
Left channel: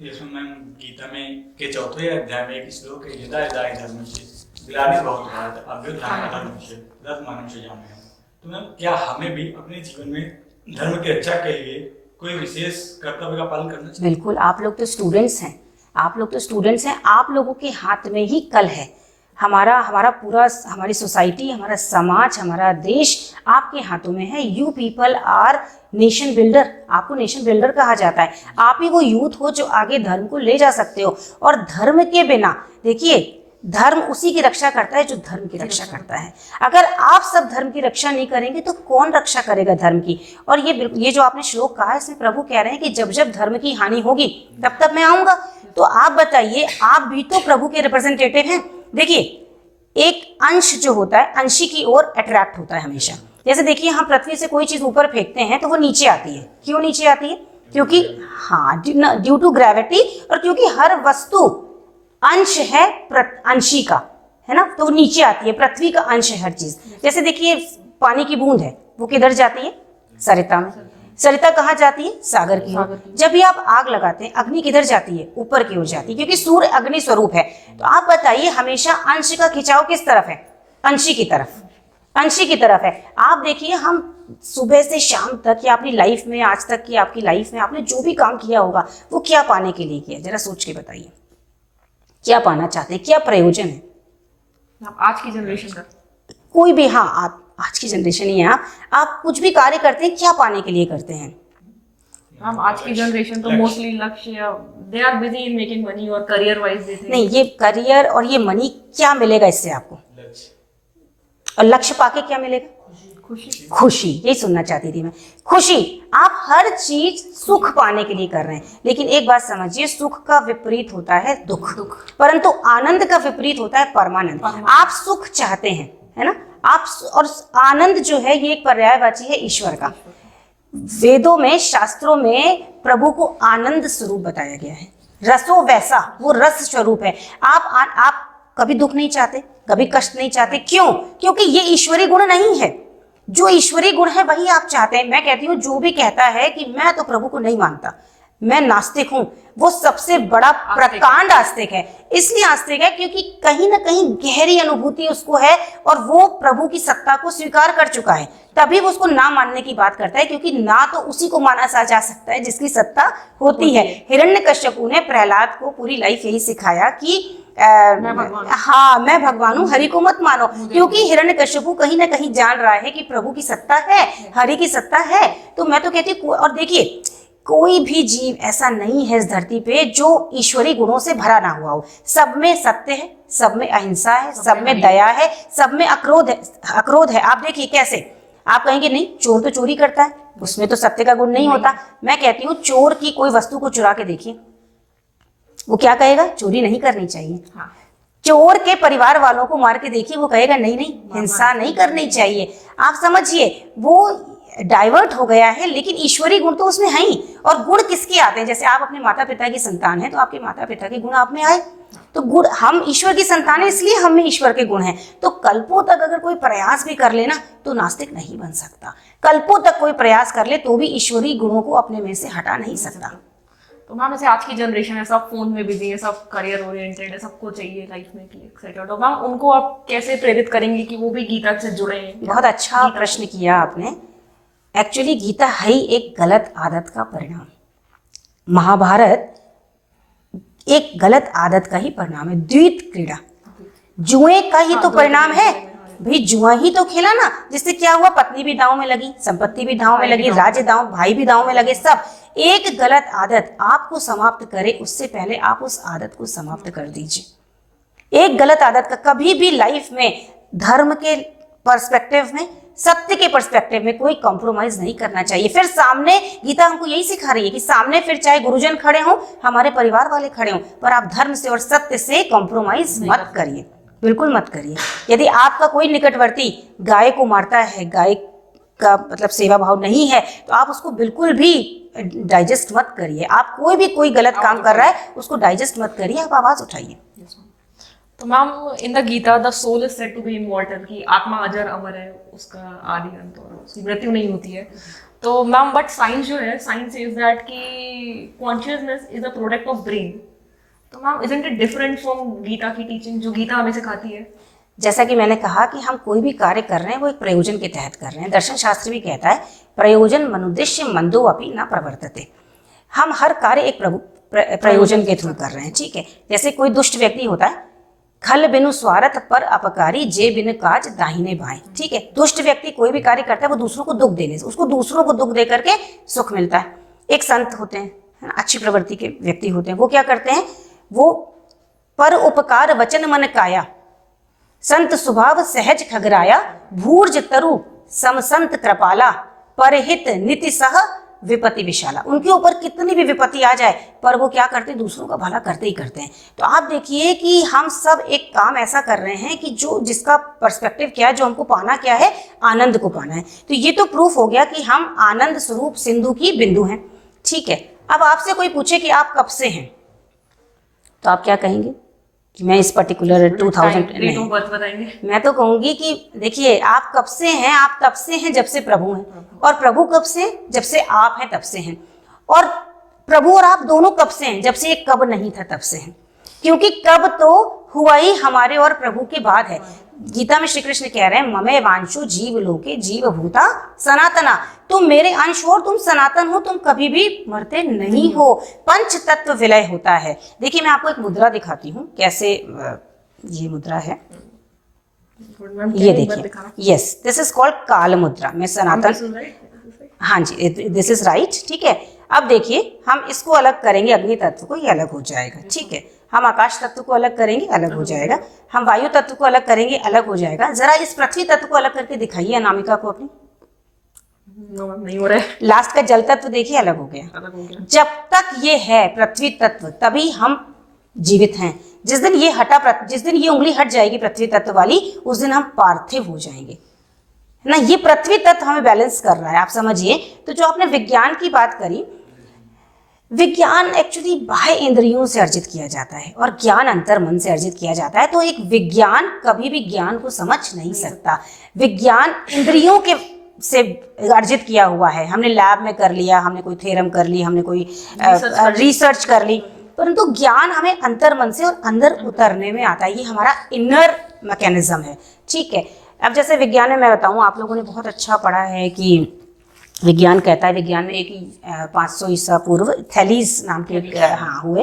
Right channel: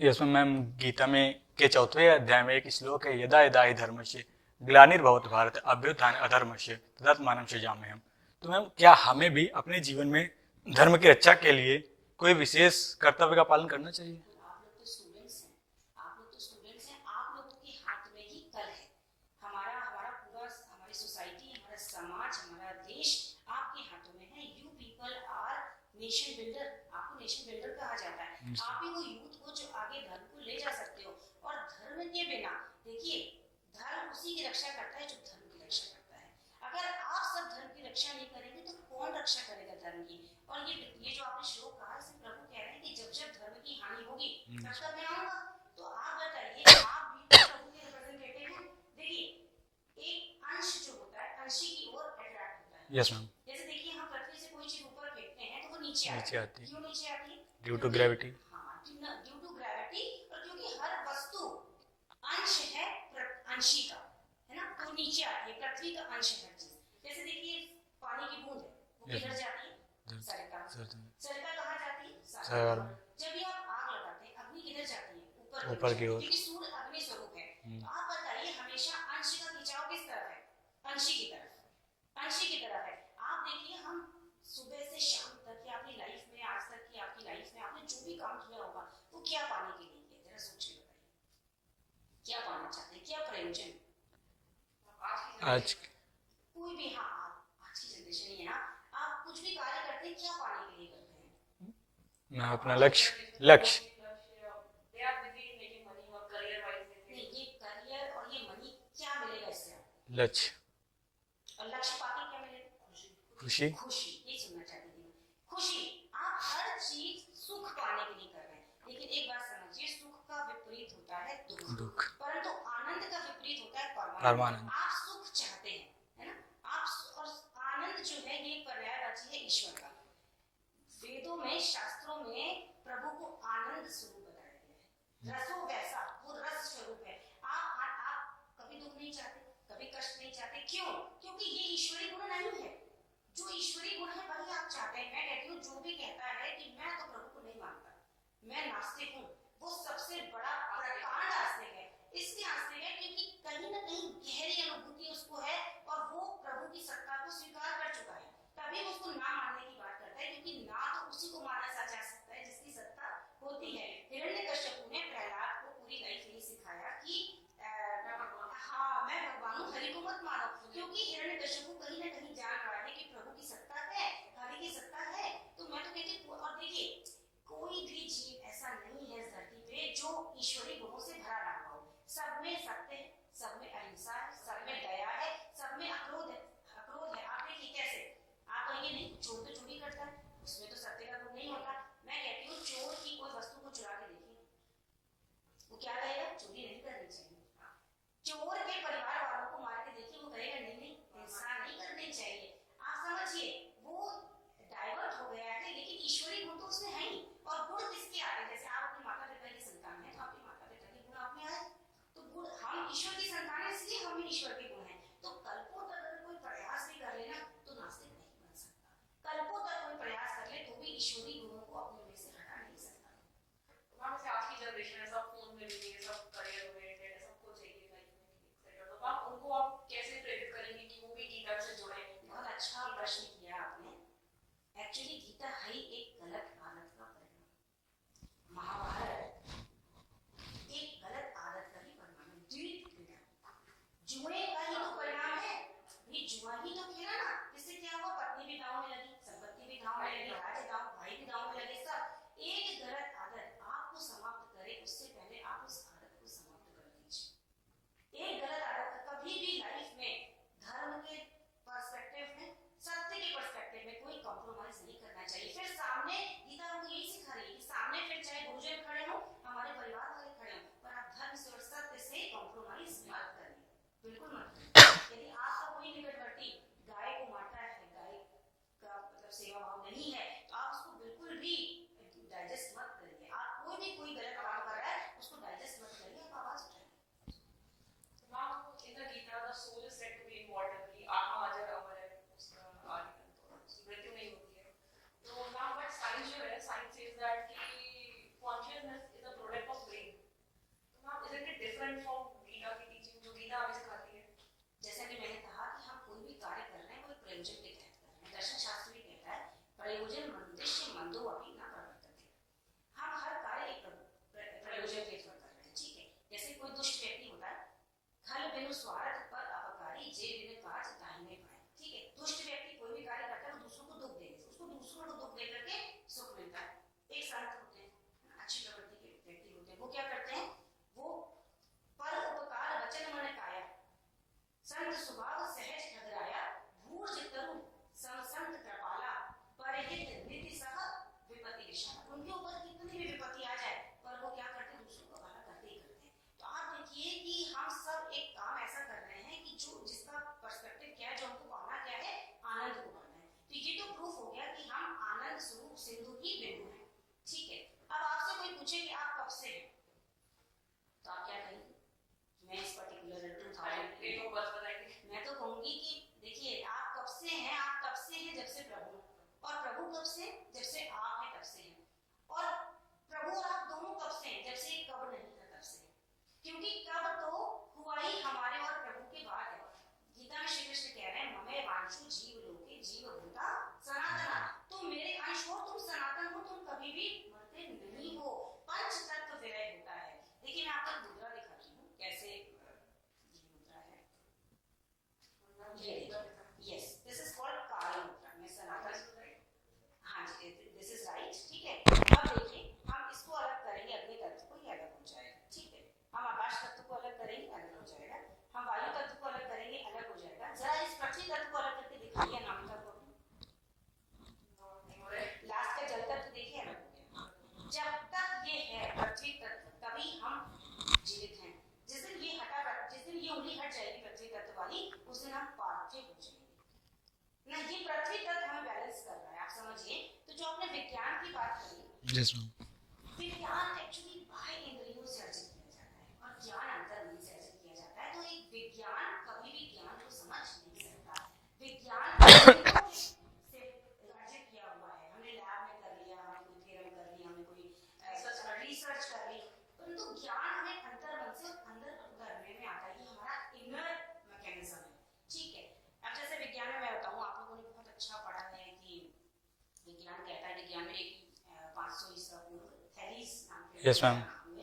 यस मैम, गीता में के चौथे अध्याय में एक श्लोक है, यदा यदा हि धर्मस्य ग्लानिर्भवति भारत अभ्युत्थानम् अधर्मस्य तदात्मानं सृजाम्यहम्। तो मैम, क्या हमें भी अपने जीवन में धर्म की रक्षा के लिए कोई विशेष कर्तव्य का पालन करना चाहिए? बिल्कुल, आप लोग तो स्टूडेंट्स हैं, आप लोगों के हाथ में ही कल है। हमारा पूरा, हमारी सोसाइटी, हमारा समाज, हमारा देश आपके हाथों में है। You people our nation builder, आपको नेशन बिल्डर कहा जाता है। आप ही वो यूथ हो जो आगे धर्म को ले जा सकते हो। और धर्म के बिना, देखिए, धर्म उसी की रक्षा करता है जो धर्म की रक्षा करता है। अगर आप सब धर्म की रक्षा नहीं करेंगे तो कौन रक्षा करेगा धर्म की? और ये जो आपने श्लोक कहा, इसमें प्रभु कह रहे हैं कि जब जब धर्म की हानि होगी तब तब मैं आऊंगा। तो आप बताइए, आप भी तो प्रभु के रिप्रेजेंटेटिव हैं। देखिए, एक अंश जो होता है, अंशी की ओर अट्रैक्ट होता है हमेशा। जैसे देखिए, हम पृथ्वी से कोई चीज ऊपर फेंकते हैं तो वो नीचे आती है। क्यों नीचे आती है? क्योंकि ड्यू टू ग्रेविटी, और क्योंकि हर वस्तु अंश है अंशी का, है ना, तो वो नीचे आती है। पृथ्वी का अंश है हर चीज। जैसे देखिए, पानी की बूंद है, वो किधर जाती है? सरिता में। सरिता कहाँ जाती है? सागर की ओर। जब भी आप आग लगाते हैं, अग्नि किधर जाती है? ऊपर की ओर जाती है, क्योंकि सूर्य अग्नि स्वरूप है। तो आप बताइए, हमेशा अंश का खिंचाव किस तरफ है? अंशी की तरफ, अंशी की तरफ है। आप देखिए, हम सुबह से शाम तक या अपनी लाइफ में, आज तक की आपकी लाइफ में आपने जो भी काम किया होगा, वो क्या पाने के लिए किया? जरा सोच के बताइए, क्या पाना चाहते हैं, क्या प्रयोजन है? आज की जनरेशन का कोई भी, हाँ, आप आज की जनरेशन ही है। आप कुछ भी कार्य करते हैं, क्या पाने के लिए करते हैं? हम आज की जनरेशन तो मोस्टली लक्ष्य, they are busy in making money और करियर वाइज देते हैं। नहीं, ये करियर और ये मनी क्या मिलेगा इससे आपको? लक्ष्य। और लक्ष्य पाके क्या मिलेगा? खुशी। यही सुनना चाहती थी मैं, खुशी। आप हर चीज सुख पाने के लिए कर रहे हैं, लेकिन एक बात समझिए, सुख का विपरीत होता है दुख, परंतु आनंद का विपरीत होता है परमानंद। आप सुख चाहते हैं, है ना, आप, और आनंद जो है ये एक पर्यायवाची है ईश्वर का। वेदों में, शास्त्रों में प्रभु को आनंद स्वरूप बताया गया है। रसो वैसा, वो रस स्वरूप है। आप कभी दुख नहीं चाहते, कभी कष्ट नहीं चाहते। क्यों? क्योंकि ये ईश्वरीय गुण नहीं है। जो ईश्वरीय गुण है वही आप चाहते हैं। मैं कहती हूँ, जो भी कहता है कि मैं तो प्रभु को नहीं मानता, मैं नास्तिक हूँ, वो सबसे बड़ा प्रकांड आस्तिक है। इसलिए आस्तिक है क्योंकि कहीं ना कहीं गहरी अनुभूति उसको है और वो प्रभु की सत्ता को स्वीकार कर चुका है। तभी वो उसको ना मानने की बात करता है, क्योंकि ना तो उसी को माना जा सकता है जिसकी सत्ता होती है। हिरण्यकश्यपु ने प्रहलाद को पूरी लाइफ यही सिखाया कि हाँ, मैं भगवान हूँ, हरि को मत मानो। क्योंकि हिरण्यकश्यपु कहीं ना कहीं जान रहा है कि प्रभु की सत्ता है, हरि की सत्ता है। तो मैं तो कहती हूँ, और देखिए, कोई भी जीव ऐसा नहीं है इस धरती पे जो ईश्वरीय गुणों से भरा ना हुआ हो। सब में सत्य है, सब में अहिंसा है, सब में दया है, सब में अक्रोध है। आप देखिए कैसे, आप कहेंगे नहीं, चोर तो चोरी करता है, उसमें तो सत्य का गुण नहीं होता। मैं कहती हूँ, चोर की कोई वस्तु को चुरा के देखिए, वो क्या कहेगा? चोरी नहीं करनी चाहिए। चोर के परिवार वालों को मार के देखिए, वो कहेगा नहीं, हिंसा नहीं करनी चाहिए। आप समझिए, वो डाइवर्ट हो गया है, लेकिन ईश्वरीय गुण तो उसमें है ही। और गुण किसके आते हैं? जैसे आप अपने माता पिता की संतान है, तो आपके माता पिता के गुण आप में आए। तो गुण, हम ईश्वर की संतान है, इसलिए हम में ईश्वर के गुण हैं। तो कल्पों तक अगर कोई प्रयास भी कर लेना तो नास्तिक नहीं बन सकता। कल्पों तक कोई प्रयास कर ले तो भी ईश्वरीय गुणों को अपने में से हटा नहीं सकता। तो मैम, जैसे आज की जनरेशन है, सब फोन में बिजी है, सब करियर ओरिएंटेड है, सबको चाहिए लाइफ में कि एक्सेट्रा। तो मैम, उनको आप कैसे प्रेरित करेंगे कि वो भी गीता से जुड़े हैं? बहुत अच्छा प्रश्न किया आपने। एक्चुअली गीता है ही एक गलत आदत का परिणाम। महाभारत एक गलत आदत का ही परिणाम है। द्वैत क्रीड़ा, जुए का ही तो परिणाम है। भाई, जुआ ही तो खेला ना, जिससे क्या हुआ? पत्नी भी दांव में लगी, संपत्ति भी दांव में लगी, राज्य दांव, भाई भी दांव में लगे, सब। एक गलत आदत आपको समाप्त करे उससे पहले आप उस आदत को समाप्त कर दीजिए। एक गलत आदत का कभी भी लाइफ में, धर्म के पर्सपेक्टिव में, सत्य के पर्सपेक्टिव में कोई कॉम्प्रोमाइज नहीं करना चाहिए। फिर सामने गीता हमको यही सिखा रही है कि सामने फिर चाहे गुरुजन खड़े हों, हमारे परिवार वाले खड़े हों, पर आप धर्म से और सत्य से कॉम्प्रोमाइज मत करिए, बिल्कुल मत करिए। यदि आपका कोई निकटवर्ती गाय को मारता है, गाय का मतलब सेवा भाव नहीं है, तो आप उसको बिल्कुल भी डाइजेस्ट मत करिए। आप कोई गलत काम कर रहा है, उसको डाइजेस्ट मत करिए, आप आवाज उठाइए। तो ma'am in the Gita the soul is said to be immortal, कि आत्मा अजर अमर है, उसका आदि अंत और उसकी मृत्यु नहीं होती है। तो मैम बट साइंस जो है, साइंस इज दैट कि consciousness is a product of brain. तो ma'am isn't it different from Gita की टीचिंग जो गीता हमें सिखाती है? जैसा कि मैंने कहा कि हम कोई भी कार्य कर रहे हैं वो एक प्रयोजन के तहत कर रहे हैं। दर्शन शास्त्र भी कहता है प्रयोजन मनुद्देश्य मंदो अपि न प्रवर्तते। हम हर कार्य एक प्रयोजन के थ्रू कर रहे हैं, ठीक है। जैसे कोई दुष्ट व्यक्ति होता है, खल बिनु स्वार्थ पर अपकारी जे बिन काज दाहिने बाएं, ठीक है। दुष्ट व्यक्ति कोई भी कार्य करता है वो दूसरों को दुख देने से, उसको दूसरों को दुख दे करके सुख मिलता है। एक संत होते हैं, है ना, अच्छी प्रवृत्ति के व्यक्ति होते हैं, वो क्या करते हैं, वो पर उपकार वचन मन काया, संत स्वभाव सहज खगराया, भूर्ज तरु समसंत कृपाला, परहित नीति सह विपत्ति विशाला। उनके ऊपर कितनी भी विपत्ति आ जाए पर वो क्या करते हैं, दूसरों का भला करते ही करते हैं। तो आप देखिए कि हम सब एक काम ऐसा कर रहे हैं कि जो जिसका पर्सपेक्टिव क्या है, जो हमको पाना क्या है, आनंद को पाना है। तो ये तो प्रूफ हो गया कि हम आनंद स्वरूप सिंधु की बिंदु हैं, ठीक है। अब आपसे कोई पूछे कि आप कब से हैं, तो आप क्या कहेंगे कि मैं इस पर्टिकुलर 2000 डेट ऑफ बर्थ बताएंगे? मैं तो कहूंगी कि देखिए आप कब से हैं, आप तब से हैं जब से प्रभु हैं, और प्रभु कब से हैं, जब से आप हैं तब से हैं, और प्रभु और आप दोनों कब से हैं, जब से एक कब नहीं था तब से हैं। क्योंकि कब तो हुआ ही हमारे और प्रभु के बाद है। गीता में श्री कृष्ण कह रहे हैं ममे वांशु जीव लोके जीव भूता सनातना, तुम मेरे अंश हो, तुम सनातन हो, तुम कभी भी मरते नहीं हो, पंच तत्व विलय होता है। देखिए मैं आपको एक मुद्रा दिखाती हूँ, कैसे ये मुद्रा है, ये देखिए, यस दिस इज कॉल्ड काल मुद्रा। मैं सनातन, हाँ जी दिस इज राइट, ठीक है। अब देखिए हम इसको अलग करेंगे, अग्नि तत्व को, ये अलग हो जाएगा, ठीक है। हम आकाश तत्व को अलग करेंगे, अलग हो जाएगा। हम वायु तत्व को अलग करेंगे, अलग हो जाएगा। जरा इस पृथ्वी तत्व को अलग करके दिखाइए अनामिका को अपनी। नहीं हो रहा है। लास्ट का जल तत्व देखिए, अलग हो गया। अलग हो गया। जब तक ये है पृथ्वी तत्व तभी हम जीवित हैं। जिस दिन ये हटा, जिस दिन ये उंगली हट जाएगी पृथ्वी तत्व वाली, उस दिन हम पार्थिव हो जाएंगे ना। ये पृथ्वी तत्व हमें बैलेंस कर रहा है, आप समझिए। तो जो आपने विज्ञान की बात करी, विज्ञान एक्चुअली बाह्य इंद्रियों से अर्जित किया जाता है और ज्ञान अंतर मन से अर्जित किया जाता है। तो एक विज्ञान कभी भी ज्ञान को समझ नहीं सकता। विज्ञान इंद्रियों के से अर्जित किया हुआ है। हमने लैब में कर लिया, हमने कोई थ्योरम कर ली, हमने कोई रिसर्च कर ली, परंतु ज्ञान हमें अंतर मन से और अंदर उतरने में आता है। ये हमारा इनर मैकेनिज्म है, ठीक है। अब जैसे विज्ञान में मैं बताऊं, आप लोगों ने बहुत अच्छा पढ़ा है कि विज्ञान कहता है, विज्ञान में एक 500 ईसा पूर्व थैलीस नाम के हुए,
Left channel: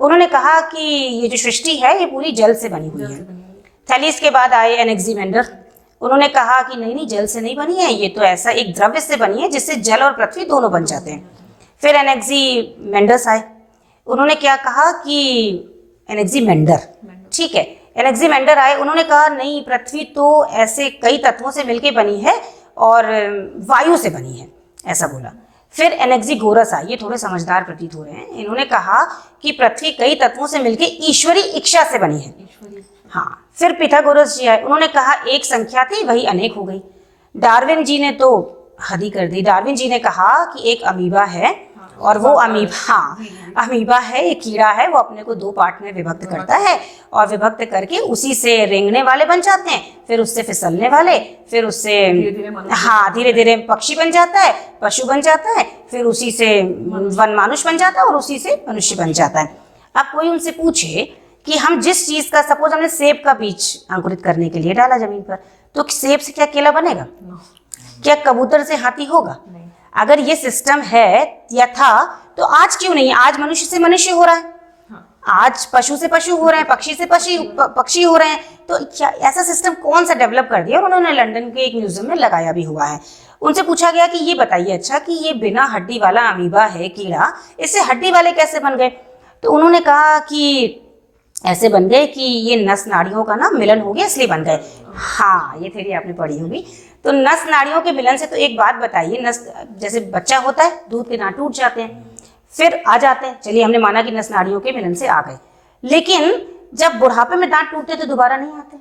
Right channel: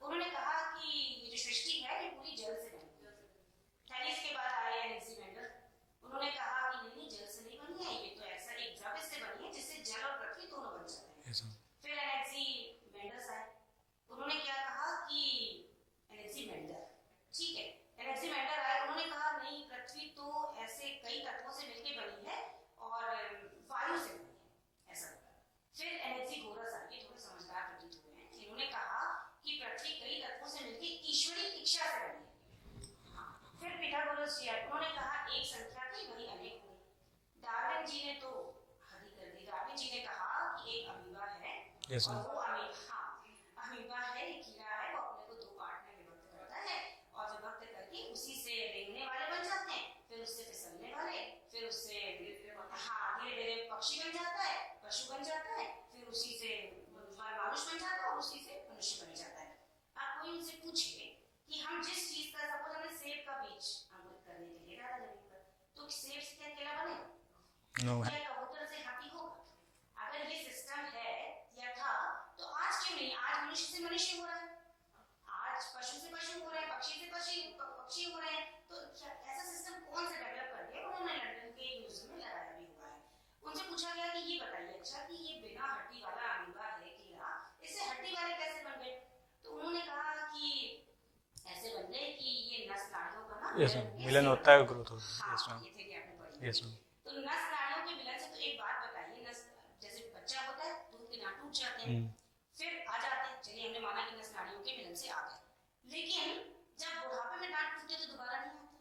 उन्होंने कहा कि ये जो सृष्टि है ये पूरी जल से बनी हुई है। थैलीस के बाद आए एनेक्सिमेंडर, उन्होंने कहा कि नहीं जल से नहीं बनी है, ये तो ऐसा एक द्रव्य से बनी है जिससे जल और पृथ्वी दोनों बन जाते हैं। फिर एनेक्सिमेंडर्स आए, उन्होंने क्या कहा कि एनेक्सिमेंडर, ठीक है, एनेक्सिमेंडर आए, उन्होंने कहा नहीं पृथ्वी तो ऐसे कई तत्वों से मिलकर बनी है और वायु से बनी है, ऐसा बोला। फिर एनेक्सिगोरस आए, ये थोड़े समझदार प्रतीत हो रहे हैं, इन्होंने कहा कि पृथ्वी कई तत्वों से मिलकर ईश्वरी इच्छा से बनी है। हाँ, फिर पिथागोरस जी आए, उन्होंने कहा एक संख्या थी वही अनेक हो गई। डार्विन जी ने तो हद ही कर दी, डार्विन जी ने कहा कि एक अमीबा है और वो अमीबा है, एक कीड़ा है, वो अपने को दो पार्ट में विभक्त करता है और विभक्त करके उसी से रेंगने वाले बन जाते हैं, फिर उससे फिसलने वाले, फिर उससे धीरे धीरे पक्षी बन जाता है, पशु बन जाता है, फिर उसी से वन मानुष बन जाता है और उसी से मनुष्य बन जाता है। अब कोई उनसे पूछे कि हम जिस चीज का, सपोज हमने सेब का बीज अंकुरित करने के लिए डाला जमीन पर, तो सेब से क्या केला बनेगा? क्या कबूतर से हाथी होगा? अगर ये सिस्टम है या था तो आज क्यों नहीं? आज मनुष्य से मनुष्य हो रहा है, आज पशु से पशु हो रहे हैं, पक्षी से पक्षी हो रहे हैं। तो क्या ऐसा सिस्टम कौन सा डेवलप कर दिया? और उन्होंने लंदन के एक म्यूजियम में लगाया भी हुआ है। उनसे पूछा गया कि ये बताइए अच्छा कि ये बिना हड्डी वाला अमीबा है कीड़ा, इससे हड्डी वाले कैसे बन गए? तो उन्होंने कहा कि ऐसे बन गए कि ये नस नाड़ियों का ना मिलन हो गया इसलिए बन गए। हाँ, ये थ्योरी आपने पढ़ी होगी। तो नस नाड़ियों के मिलन से, तो एक बात बताइए, नस जैसे बच्चा होता है, दूध के दांत टूट जाते हैं, फिर आ जाते हैं, चलिए हमने माना कि नस नाड़ियों के मिलन से आ गए, लेकिन जब बुढ़ापे में दांत टूटते तो दोबारा नहीं आते।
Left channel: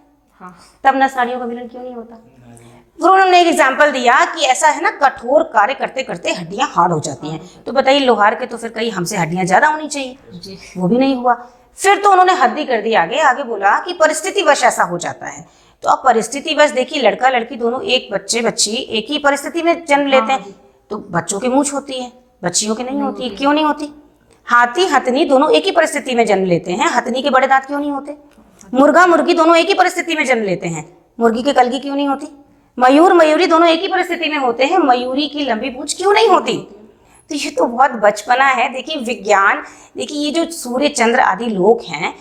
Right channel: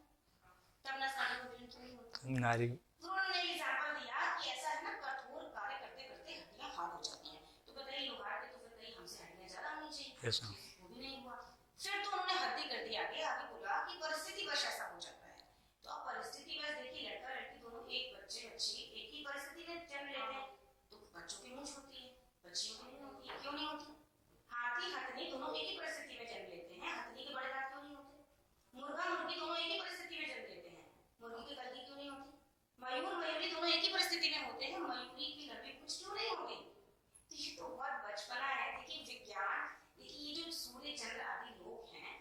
तब नस नाड़ियों का मिलन क्यों नहीं होता? फिर उन्होंने एक एग्जाम्पल दिया कि ऐसा है ना, कठोर कार्य करते करते हड्डियां हार्ड हो जाती हैं। तो बताइए लोहार के तो फिर कहीं हमसे हड्डियां ज्यादा होनी चाहिए, वो भी नहीं हुआ। फिर तो उन्होंने हद ही कर दी, आगे आगे बोला कि परिस्थितिवश ऐसा हो जाता है। तो अब परिस्थितिवश देखिए, लड़का लड़की दोनों, एक बच्चे बच्ची एक ही परिस्थिति में जन्म लेते हैं, तो बच्चों की मूंछ होती है, बच्चियों की नहीं होती। क्यों नहीं होती? हाथी हथनी दोनों एक ही परिस्थिति में जन्म लेते हैं, हथनी के बड़े दांत क्यों नहीं होते? मुर्गा मुर्गी दोनों एक ही परिस्थिति में जन्म लेते हैं, मुर्गी की कलगी क्यों नहीं होती? मयूर मयूरी दोनों एक ही परिस्थिति में होते हैं, मयूरी की लंबी पूंछ क्यों नहीं होती? तो ये तो बहुत बचपना है। देखिए विज्ञान, देखिए ये जो सूर्य चंद्र आदि लोग हैं,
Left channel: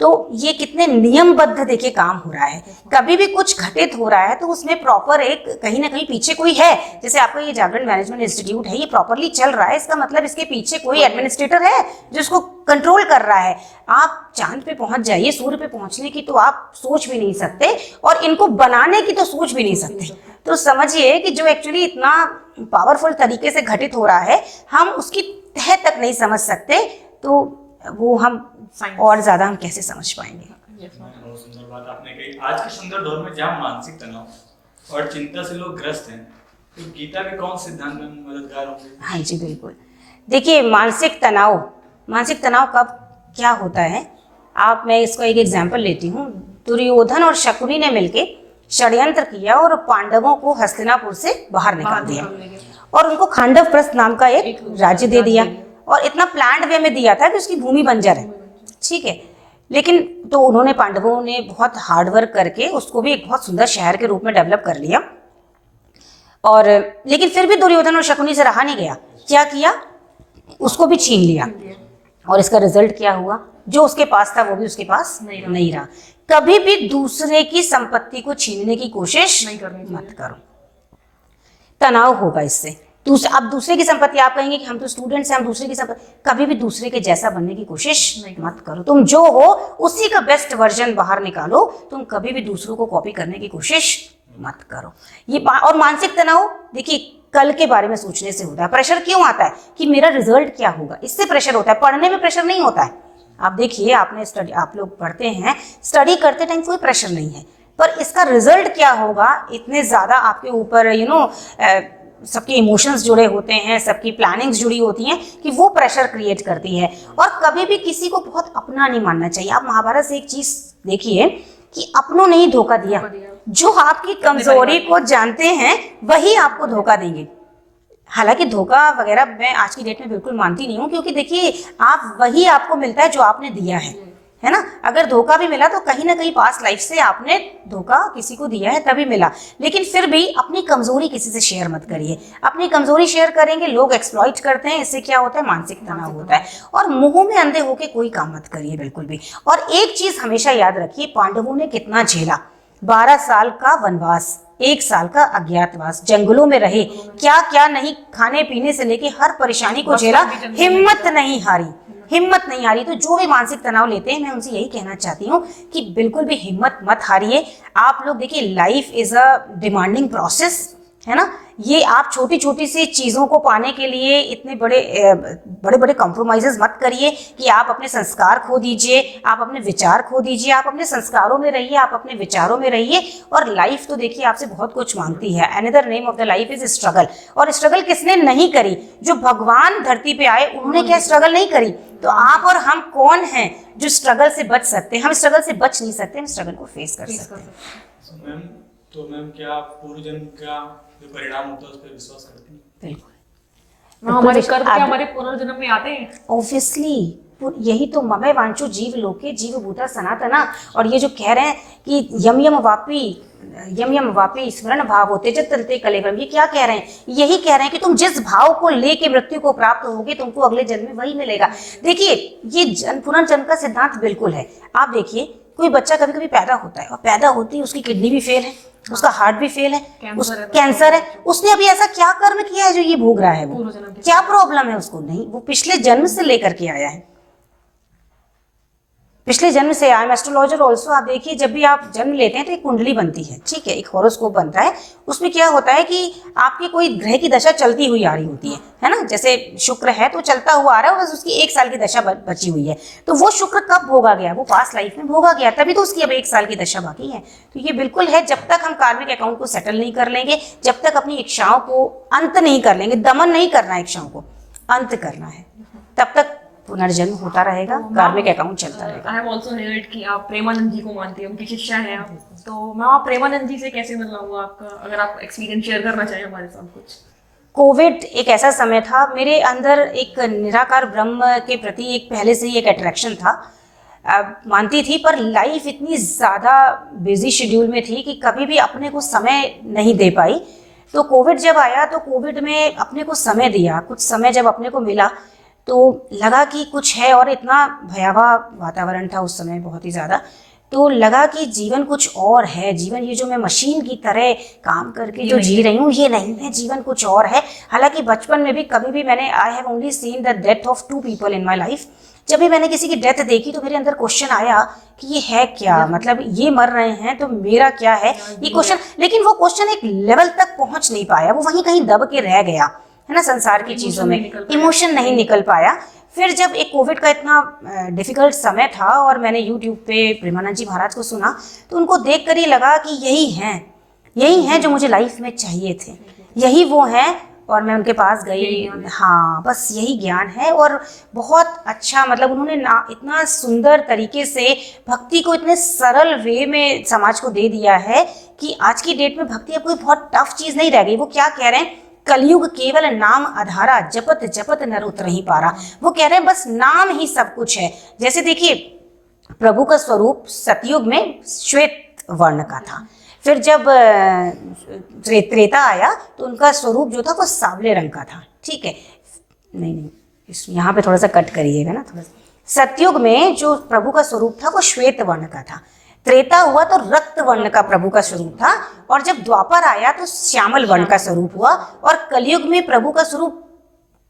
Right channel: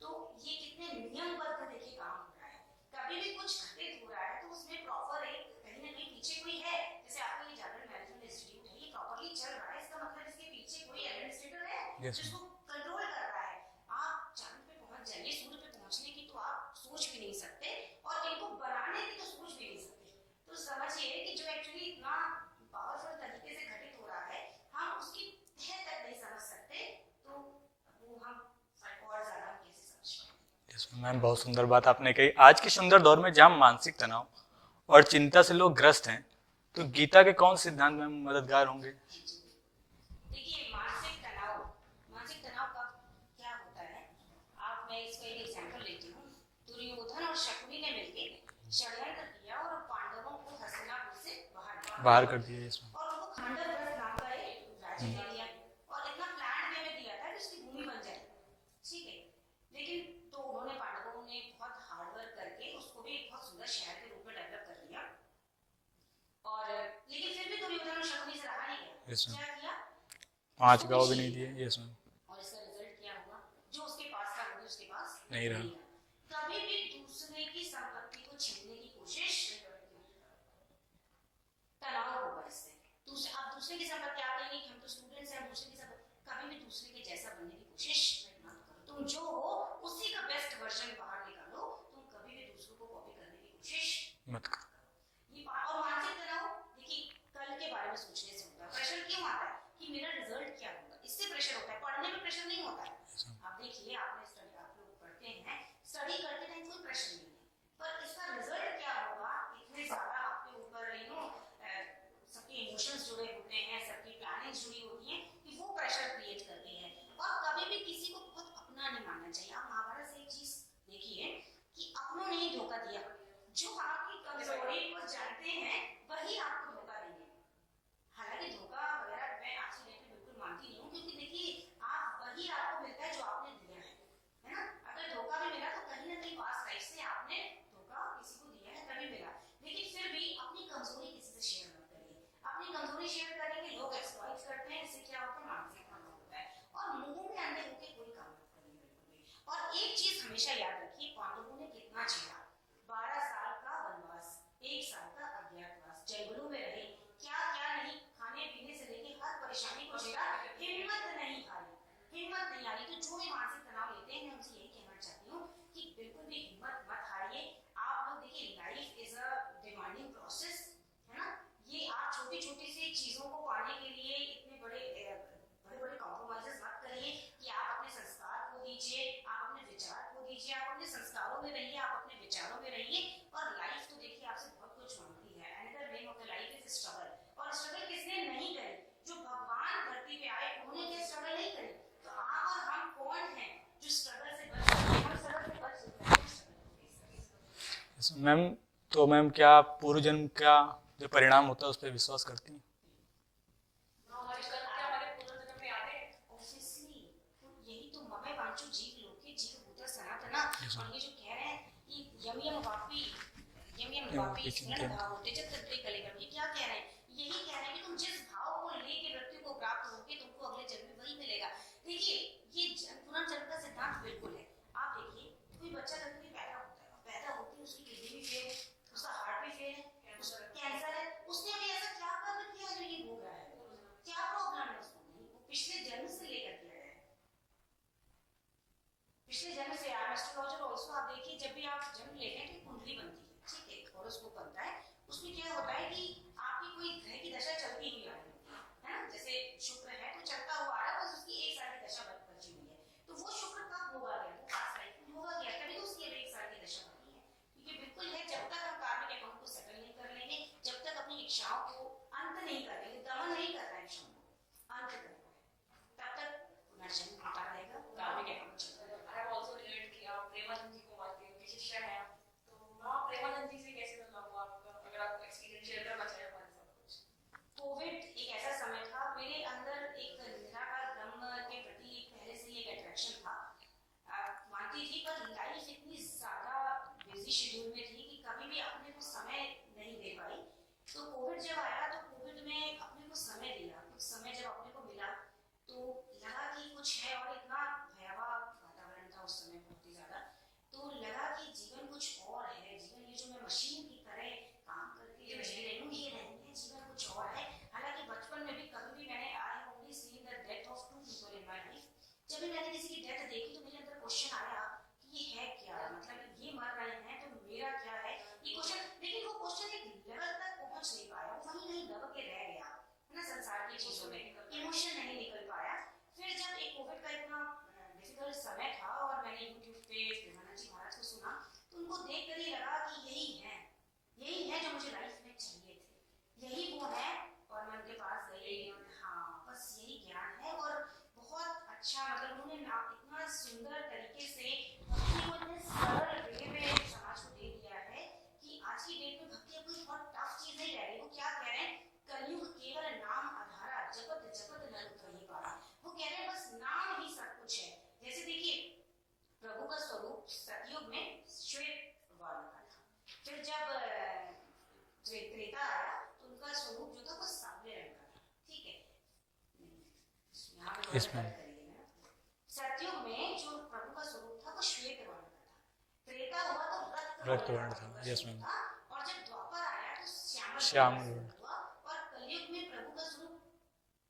तो ये कितने नियमबद्ध देखिए काम हो रहा है। कभी भी कुछ घटित हो रहा है तो उसमें प्रॉपर एक कहीं ना कहीं पीछे कोई है। जैसे आपका ये जागरण मैनेजमेंट इंस्टीट्यूट है, ये प्रॉपरली चल रहा है, इसका मतलब इसके पीछे कोई एडमिनिस्ट्रेटर है जो इसको कंट्रोल कर रहा है। आप चांद पे पहुंच जाइए, सूर्य पे पहुंचने की तो आप सोच भी नहीं सकते, और इनको बनाने की तो सोच भी नहीं सकते। तो समझिए कि जो एक्चुअली इतना पावरफुल तरीके से घटित हो रहा है, हम उसकी तह तक नहीं समझ सकते, तो वो हम और ज्यादा हम कैसे समझ पाएंगे। मैम बहुत सुंदर बात आपने कही। आज के सुंदर दौर में जहाँ मानसिक तनाव और चिंता से लोग ग्रस्त हैं, तो गीता के कौन से सिद्धांत में मददगार होंगे? हाँ जी बिल्कुल। देखिए मानसिक तनाव कब क्या होता है, मैं इसको एक एग्जाम्पल लेती हूँ। दुर्योधन और शकुनी ने मिलके षड्यंत्र किया और पांडवों को हस्तिनापुर से बाहर निकाल दिया, और उनको खांडव प्रस्थ नाम का एक राज्य दे दिया, और इतना प्लान्ड वे में दिया था कि उसकी भूमि बंजर है, ठीक है। लेकिन तो उन्होंने, पांडवों ने बहुत हार्डवर्क करके उसको भी एक बहुत सुंदर शहर के रूप में डेवलप कर लिया, और लेकिन फिर भी दुर्योधन और शकुनी से रहा नहीं गया। क्या किया? उसको भी छीन लिया, और इसका रिजल्ट क्या हुआ? जो उसके पास था वो भी उसके पास नहीं रहा। कभी भी दूसरे की संपत्ति को छीनने की कोशिश मत करो, तनाव होगा इससे। अब दूसरे की संपत्ति, आप कहेंगे कि हम तो स्टूडेंट्स हैं, हम दूसरे की संपत्ति, कभी भी दूसरे के जैसा बनने की कोशिश मत करो। तुम जो हो उसी का बेस्ट वर्जन बाहर निकालो, तुम कभी भी दूसरों को कॉपी करने की कोशिश मत करो। ये और मानसिक तनाव देखिए कल के बारे में सोचने से होता है। प्रेशर क्यों आता है? कि मेरा रिजल्ट क्या होगा, इससे प्रेशर होता है। पढ़ने में प्रेशर नहीं होता है। आप देखिए, आप लोग पढ़ते हैं, स्टडी करते टाइम कोई प्रेशर नहीं है, पर इसका रिजल्ट क्या होगा, इतने ज्यादा आपके ऊपर सबके इमोशंस जुड़े होते हैं, सबकी प्लानिंग्स जुड़ी होती हैं, कि वो प्रेशर क्रिएट करती है। और कभी भी किसी को बहुत अपना नहीं मानना चाहिए। आप महाभारत से एक चीज देखिए कि अपनों ने ही धोखा दिया। जो आपकी कमजोरी को जानते हैं वही आपको धोखा देंगे। हालांकि धोखा वगैरह मैं आज की डेट में बिल्कुल मानती नहीं हूँ, क्योंकि देखिए वही आपको मिलता है जो आपने दिया है ना। अगर धोखा भी मिला तो कहीं ना कहीं पास्ट लाइफ से आपने धोखा किसी को दिया है तभी मिला। लेकिन फिर भी अपनी कमजोरी किसी से शेयर मत करिए। अपनी कमजोरी शेयर करेंगे, लोग एक्सप्लॉइट करते हैं, इससे क्या होता है, मानसिक तनाव होता है। और मुंह में अंधे होके कोई काम मत करिए बिल्कुल भी। और एक चीज हमेशा याद रखिए, पांडवों ने कितना झेला, 12 साल का वनवास, 1 साल का अज्ञातवास, जंगलों में रहे, क्या क्या नहीं, खाने पीने से लेके हर परेशानी को झेला, हिम्मत नहीं हारी। तो जो भी मानसिक तनाव लेते हैं, मैं उनसे यही कहना चाहती हूँ कि बिल्कुल भी हिम्मत मत हारिए। आप लोग देखिए, life is a demanding process, है ना। ये आप छोटी छोटी सी चीज़ों को पाने के लिए इतने बड़े कॉम्प्रोमाइजेस मत करिए कि आप अपने संस्कार खो दीजिए, आप अपने विचार खो दीजिए। आप अपने संस्कारों में रहिए, आप अपने विचारों में रहिए। और लाइफ तो देखिए आपसे बहुत कुछ मांगती है। Another name of the life is struggle. और स्ट्रगल किसने नहीं करी? जो भगवान धरती पे आए उन्होंने क्या स्ट्रगल नहीं करी? तो आप और हम कौन हैं जो स्ट्रगल से बच सकते हैं? हम स्ट्रगल से बच नहीं सकते, हम स्ट्रगल को फेस कर सकते हैं। मैम क्या पूर्व जन्म का जो परिणाम होता है उस पर विश्वास करती हैं? बिल्कुल। हमारे कर्म क्या हमारे पुनर्जन्म में आते हैं? ऑब्वियसली, यही तो ममे वांचो जीव लोके जीव भूता सनातना। और ये जो कह रहे हैं कि यम यम वापी स्मरण भाव होते जतनते कलेवरम, ये क्या कह रहे हैं? यही कह रहे हैं कि तुम जिस भाव को लेके मृत्यु को प्राप्त होगे, तुमको अगले जन्म में वही मिलेगा। देखिए, ये पुनर्जन्म का सिद्धांत बिल्कुल है। आप देखिए, कोई बच्चा कभी कभी पैदा होता है, और पैदा होती है उसकी किडनी भी फेल है, उसका हार्ट भी फेल है, कैंसर है। उसने अभी ऐसा क्या कर्म किया है जो ये भोग रहा है? वो क्या प्रॉब्लम है उसको? नहीं, वो पिछले जन्म से लेकर के आया है, पिछले जन्म से आया। एस्ट्रोलॉजर ऑल्सो, आप देखिए, जब भी आप जन्म लेते हैं तो एक कुंडली बनती है, ठीक है, एक हॉरोस्कोप बनता है। उसमें क्या होता है कि आपकी कोई ग्रह की दशा चलती हुई आ रही होती है ना। जैसे शुक्र है तो चलता हुआ आ रहा है, बस उसकी 1 साल की दशा बची हुई है। तो वो शुक्र कब भोगा गया? वो पास्ट लाइफ में भोगा गया, तभी तो उसकी अब 1 साल की दशा बाकी है। तो ये बिल्कुल है, जब तक हम कार्मिक अकाउंट को सेटल नहीं कर लेंगे, जब तक अपनी इच्छाओं को अंत नहीं कर लेंगे, दमन नहीं करना है, इच्छाओं को अंत करना है, तब तक पुनर्जन्म होता रहेगा, कार्मिक अकाउंट चलता रहेगा। आई हैव आल्सो हर्ड कि आप प्रेमानंद जी को मानती हैं, उनकी शिष्या हैं आप। तो मैम आप प्रेमानंद जी से कैसे मिलना हुआ आपका, अगर आप एक्सपीरियंस शेयर करना चाहें हमारे साथ कुछ। कोविड एक ऐसा समय था, मेरे अंदर एक निराकार ब्रह्म के प्रति एक पहले से ही एक अट्रैक्शन था। मानती थी, पर लाइफ इतनी ज़्यादा बिजी शेड्यूल में थी कि कभी भी अपने को समय नहीं दे पाई। तो कोविड जब आया तो कोविड में अपने को समय दिया, कुछ समय जब अपने को मिला तो लगा कि कुछ है, और इतना भयावह वातावरण था उस समय, बहुत ही ज़्यादा। तो लगा कि जीवन कुछ और है, जीवन ये जो मैं मशीन की तरह काम करके जो जी रही हूँ ये नहीं है, जीवन कुछ और है। हालांकि बचपन में भी कभी भी मैंने I have only seen the death of 2 people in my life. जब भी मैंने किसी की डेथ देखी तो मेरे अंदर क्वेश्चन आया कि ये है क्या, मतलब ये मर रहे हैं तो मेरा क्या है, ये क्वेश्चन। लेकिन वो क्वेश्चन एक लेवल तक पहुंच नहीं पाया, वो वहीं कहीं दब के रह गया, है ना, संसार की चीज़ों में इमोशन नहीं निकल पाया। फिर जब एक कोविड का इतना डिफिकल्ट समय था और मैंने यूट्यूब पे प्रेमानंद जी महाराज को सुना तो उनको देख कर ही लगा कि यही हैं जो मुझे लाइफ में चाहिए थे, यही वो हैं। और मैं उनके पास गई, हाँ बस यही ज्ञान है। और बहुत अच्छा, मतलब उन्होंने ना इतना सुंदर तरीके से भक्ति को इतने सरल वे में समाज को दे दिया है कि आज की डेट में भक्ति अब कोई बहुत टफ चीज़ नहीं रह गई। वो क्या कह रहे हैं, कलयुग केवल नाम आधारा, जपत जपत नर उतरहि पारा। वो कह रहे हैं बस नाम ही सब कुछ है। जैसे देखिए, प्रभु का स्वरूप सतयुग में श्वेत वर्ण का था, फिर जब त्रेता आया तो उनका स्वरूप जो था वो सांवले रंग का था, ठीक है। नहीं, यहाँ पे थोड़ा सा कट करिएगा ना, थोड़ा सा। सतयुग में जो प्रभु का स्वरूप था वो श्वेत वर्ण का था, त्रेता हुआ तो रक्त वर्ण का प्रभु का स्वरूप था, और जब द्वापर आया तो श्यामल वर्ण का स्वरूप हुआ, और कलयुग में प्रभु का स्वरूप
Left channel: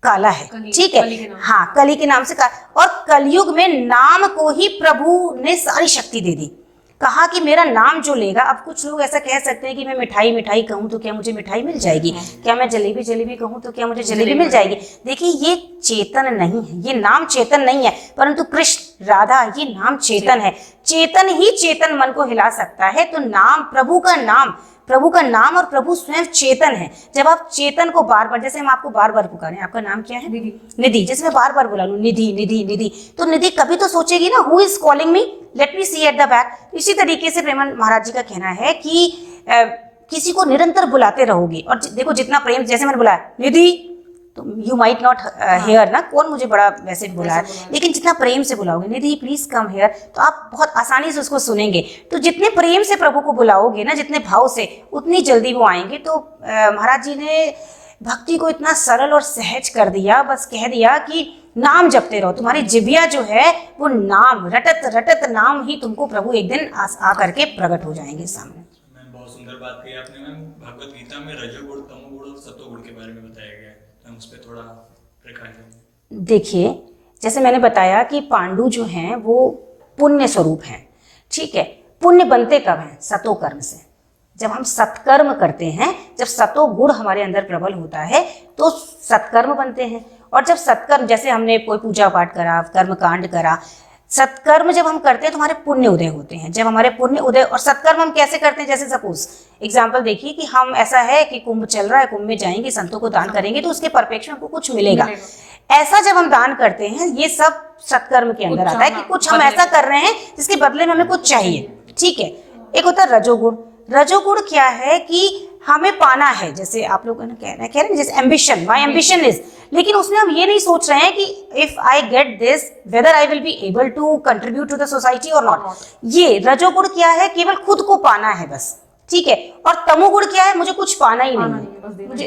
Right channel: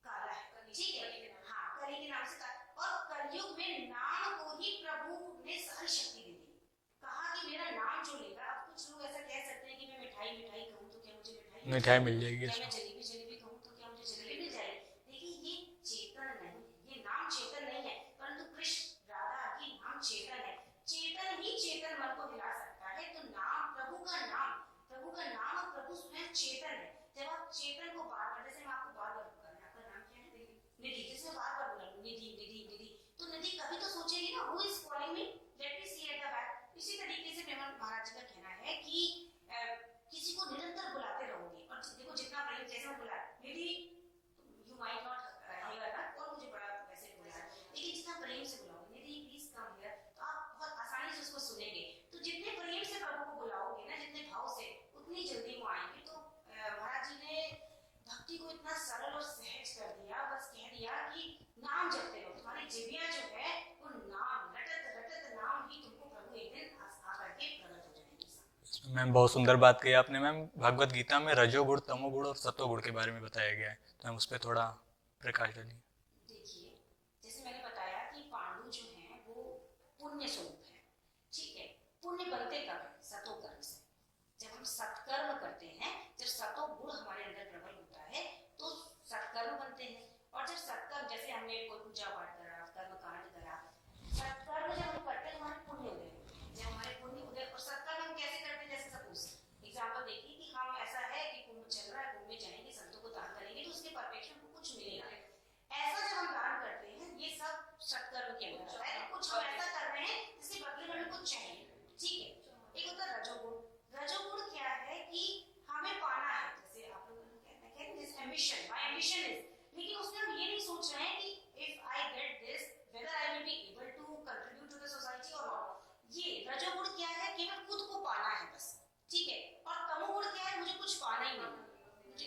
काला है, ठीक है, हाँ कली के नाम से और कलयुग में नाम को ही प्रभु ने सारी शक्ति दे दी। कहा कि मेरा नाम जो लेगा, अब कुछ लोग ऐसा कह सकते हैं कि मैं मिठाई मिठाई कहूँ तो क्या मुझे मिठाई मिल जाएगी, क्या मैं जलेबी जलेबी कहूँ तो क्या मुझे जलेबी मिल जाएगी। देखिए ये चेतन नहीं है, ये नाम चेतन नहीं है, परंतु कृष्ण राधा ये नाम चेतन है। चेतन ही चेतन मन को हिला सकता है। तो नाम, प्रभु का नाम और प्रभु स्वयं चेतन है। जब आप चेतन को बार बार, जैसे हम आपको बार बार पुकारें, आपका नाम क्या है, निधि, जैसे मैं बार बार बुला लूं निधि निधि निधि, तो निधि कभी तो सोचेगी ना, who is calling me, let me see at the back. इसी तरीके से प्रेमानंद महाराज जी का कहना है कि किसी को निरंतर बुलाते रहोगे, और देखो जितना प्रेम, जैसे मैंने बुलाया निधि, तो यू माइट नॉट हेयर ना, कौन मुझे बड़ा वैसे बुलाया, लेकिन जितना प्रेम से बुलाओगे निधि प्लीज कम हेयर, तो आप बहुत आसानी से उसको सुनेंगे। तो जितने प्रेम से प्रभु को बुलाओगे ना, जितने भाव से, उतनी जल्दी वो आएंगे। तो महाराज जी ने भक्ति को इतना सरल और सहज कर दिया, बस कह दिया कि नाम जपते रहो, तुम्हारी जिभिया जो है वो नाम, रटत रटत नाम ही तुमको प्रभु एक दिन आ करके प्रकट हो जाएंगे सामने। मैम बहुत सुंदर बात कही आपने। मैम भगवत गीता में रजोगुण, तमोगुण और सत्वगुण के बारे में बताया गया है, तो हम उस पर थोड़ा प्रकाश देंगे। देखिए, जैसे मैंने बताया कि पांडु जो हैं वो पुण्य स्वरूप हैं, ठीक है। पुण्य बनते कब हैं, सतो कर्म से। जब हम सत्कर्म करते हैं, जब सतो गुण हमारे अंदर प्रबल होता है तो सत्कर्म बनते हैं। और जब सत्कर्म, जैसे हमने कोई पूजा पाठ करा, कर्म कांड करा, सत्कर्म जब हम करते हैं तो हमारे पुण्य उदय होते हैं। जब हमारे पुण्य उदय, और सत्कर्म हम कैसे करते हैं, जैसे सपोज एग्जाम्पल देखिए कि हम, ऐसा है कि कुंभ चल रहा है, कुंभ में जाएंगे, संतों को दान करेंगे तो उसके परिप्रेक्ष्य में हमको कुछ मिलेगा। ऐसा जब हम दान करते हैं, ये सब सत्कर्म के अंदर आता है कि कुछ हम ऐसा कर रहे हैं जिसके बदले में हमें कुछ चाहिए, ठीक है। एक होता है रजोगुण। रजोगुण क्या है कि हमें पाना है, जैसे आप लोग कह रहे हैं जैसे एम्बिशन, माई एम्बिशन इज, लेकिन उसमें हम ये नहीं सोच रहे हैं कि if I get this whether I will be able to contribute to the society और नॉट। ये रजोगुण क्या है, केवल खुद को पाना है बस, ठीक है। और तमोगुण क्या है, मुझे कुछ पाना ही नहीं, मुझे,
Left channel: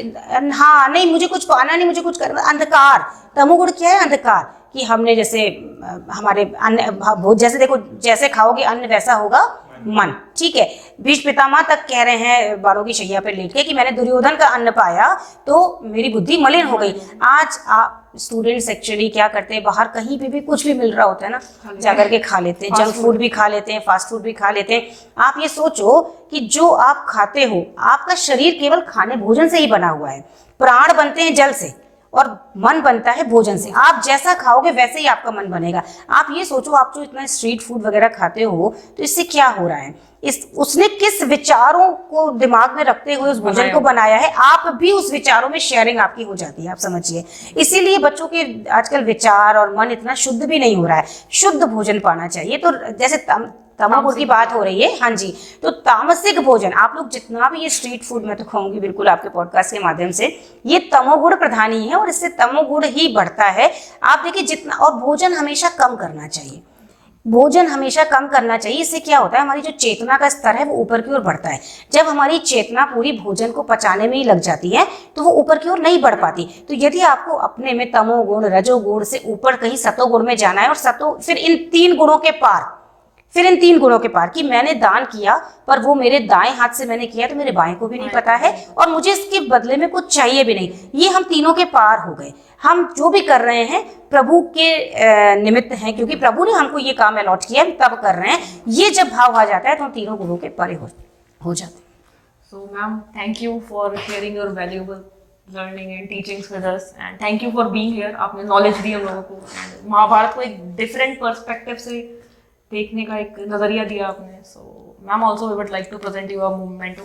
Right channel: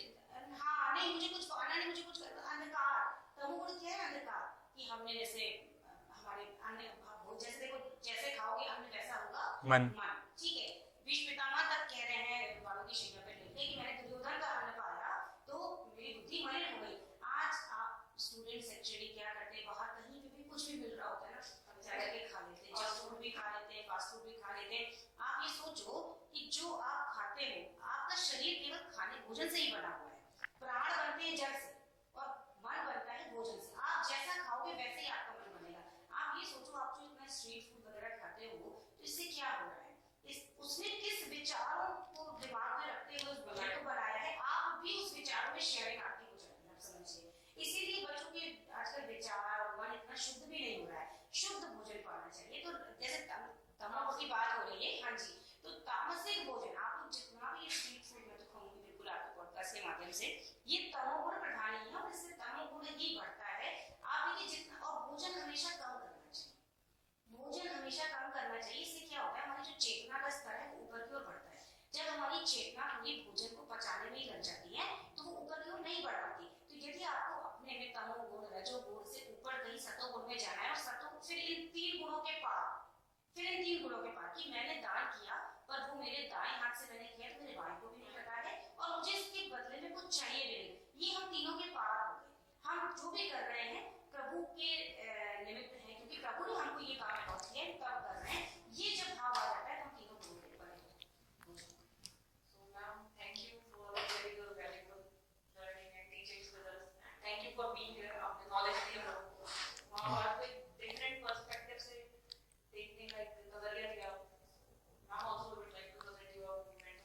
हाँ नहीं, मुझे कुछ पाना नहीं, मुझे कुछ करना, अंधकार। तमोगुण क्या है, अंधकार, कि हमने जैसे हमारे अन्न, जैसे देखो जैसे खाओगे अन्न वैसा होगा मन, ठीक है। भीष्म पितामह तक कह रहे हैं बालों की शैया पर लेट के कि मैंने दुर्योधन का अन्न पाया तो मेरी बुद्धि मलिन हो गई। आज स्टूडेंट्स एक्चुअली क्या करते हैं, बाहर कहीं पे भी कुछ भी मिल रहा होता है ना, जाकर के खा लेते हैं, जंक फूड भी खा लेते हैं, फास्ट फूड भी खा लेते हैं। आप ये सोचो कि जो आप खाते हो, आपका शरीर केवल खाने भोजन से ही बना हुआ है, प्राण बनते हैं जल से, और मन बनता है भोजन से। आप जैसा खाओगे वैसे ही आपका मन बनेगा। आप ये सोचो, आप जो इतना स्ट्रीट फूड वगैरह खाते हो तो इससे क्या हो रहा है, उसने किस विचारों को दिमाग में रखते हुए उस भोजन को बनाया है, आप भी उस विचारों में शेयरिंग आपकी हो जाती है, आप समझिए। इसीलिए बच्चों के आजकल विचार और मन इतना शुद्ध भी नहीं हो रहा है। शुद्ध भोजन पाना चाहिए। तो जैसे तमोगुण की बात हो रही है, हाँ जी, तो तामसिक भोजन आप लोग जितना भी ये स्ट्रीट फूड, मैं तो कहूंगी बिल्कुल आपके पॉडकास्ट के माध्यम से, ये तमोगुण प्रधान ही है और इससे तमोगुण ही बढ़ता है। आप देखिए जितना, और भोजन हमेशा कम करना चाहिए, भोजन हमेशा कम करना चाहिए। इससे क्या होता है, हमारी जो चेतना का स्तर है वो ऊपर की ओर बढ़ता है। जब हमारी चेतना पूरी भोजन को पचाने में ही लग जाती है तो वो ऊपर की ओर नहीं बढ़ पाती। तो यदि आपको अपने में तमोगुण रजोगुण से ऊपर कहीं सतोगुण में जाना है, और फिर इन तीन गुणों के पार, कि मैंने दान किया पर वो मेरे दाएं हाथ से मैंने किया तो मेरे बाएं को भी नहीं पता है और मुझे इसके बदले में कुछ चाहिए भी नहीं, ये हम तीनों के पार हो गए। हम जो भी कर रहे हैं प्रभु के निमित्त हैं, क्योंकि प्रभु ने हमको ये काम अलॉट किया, तब कर रहे हैं। ये जब भाव आ जाता है तो हम तीनों गुरुओं के परे हो जाते हैं। So, ma'am, thank you for sharing your valuable learning and teachings with us, and thank you for being here. आपने नॉलेज दी हम लोगों को, महाभारत को एक डिफरेंट पर्सपेक्टिव से देखने का एक नजरिया दिया आपने। So ma'am, also we would like to present you a memento.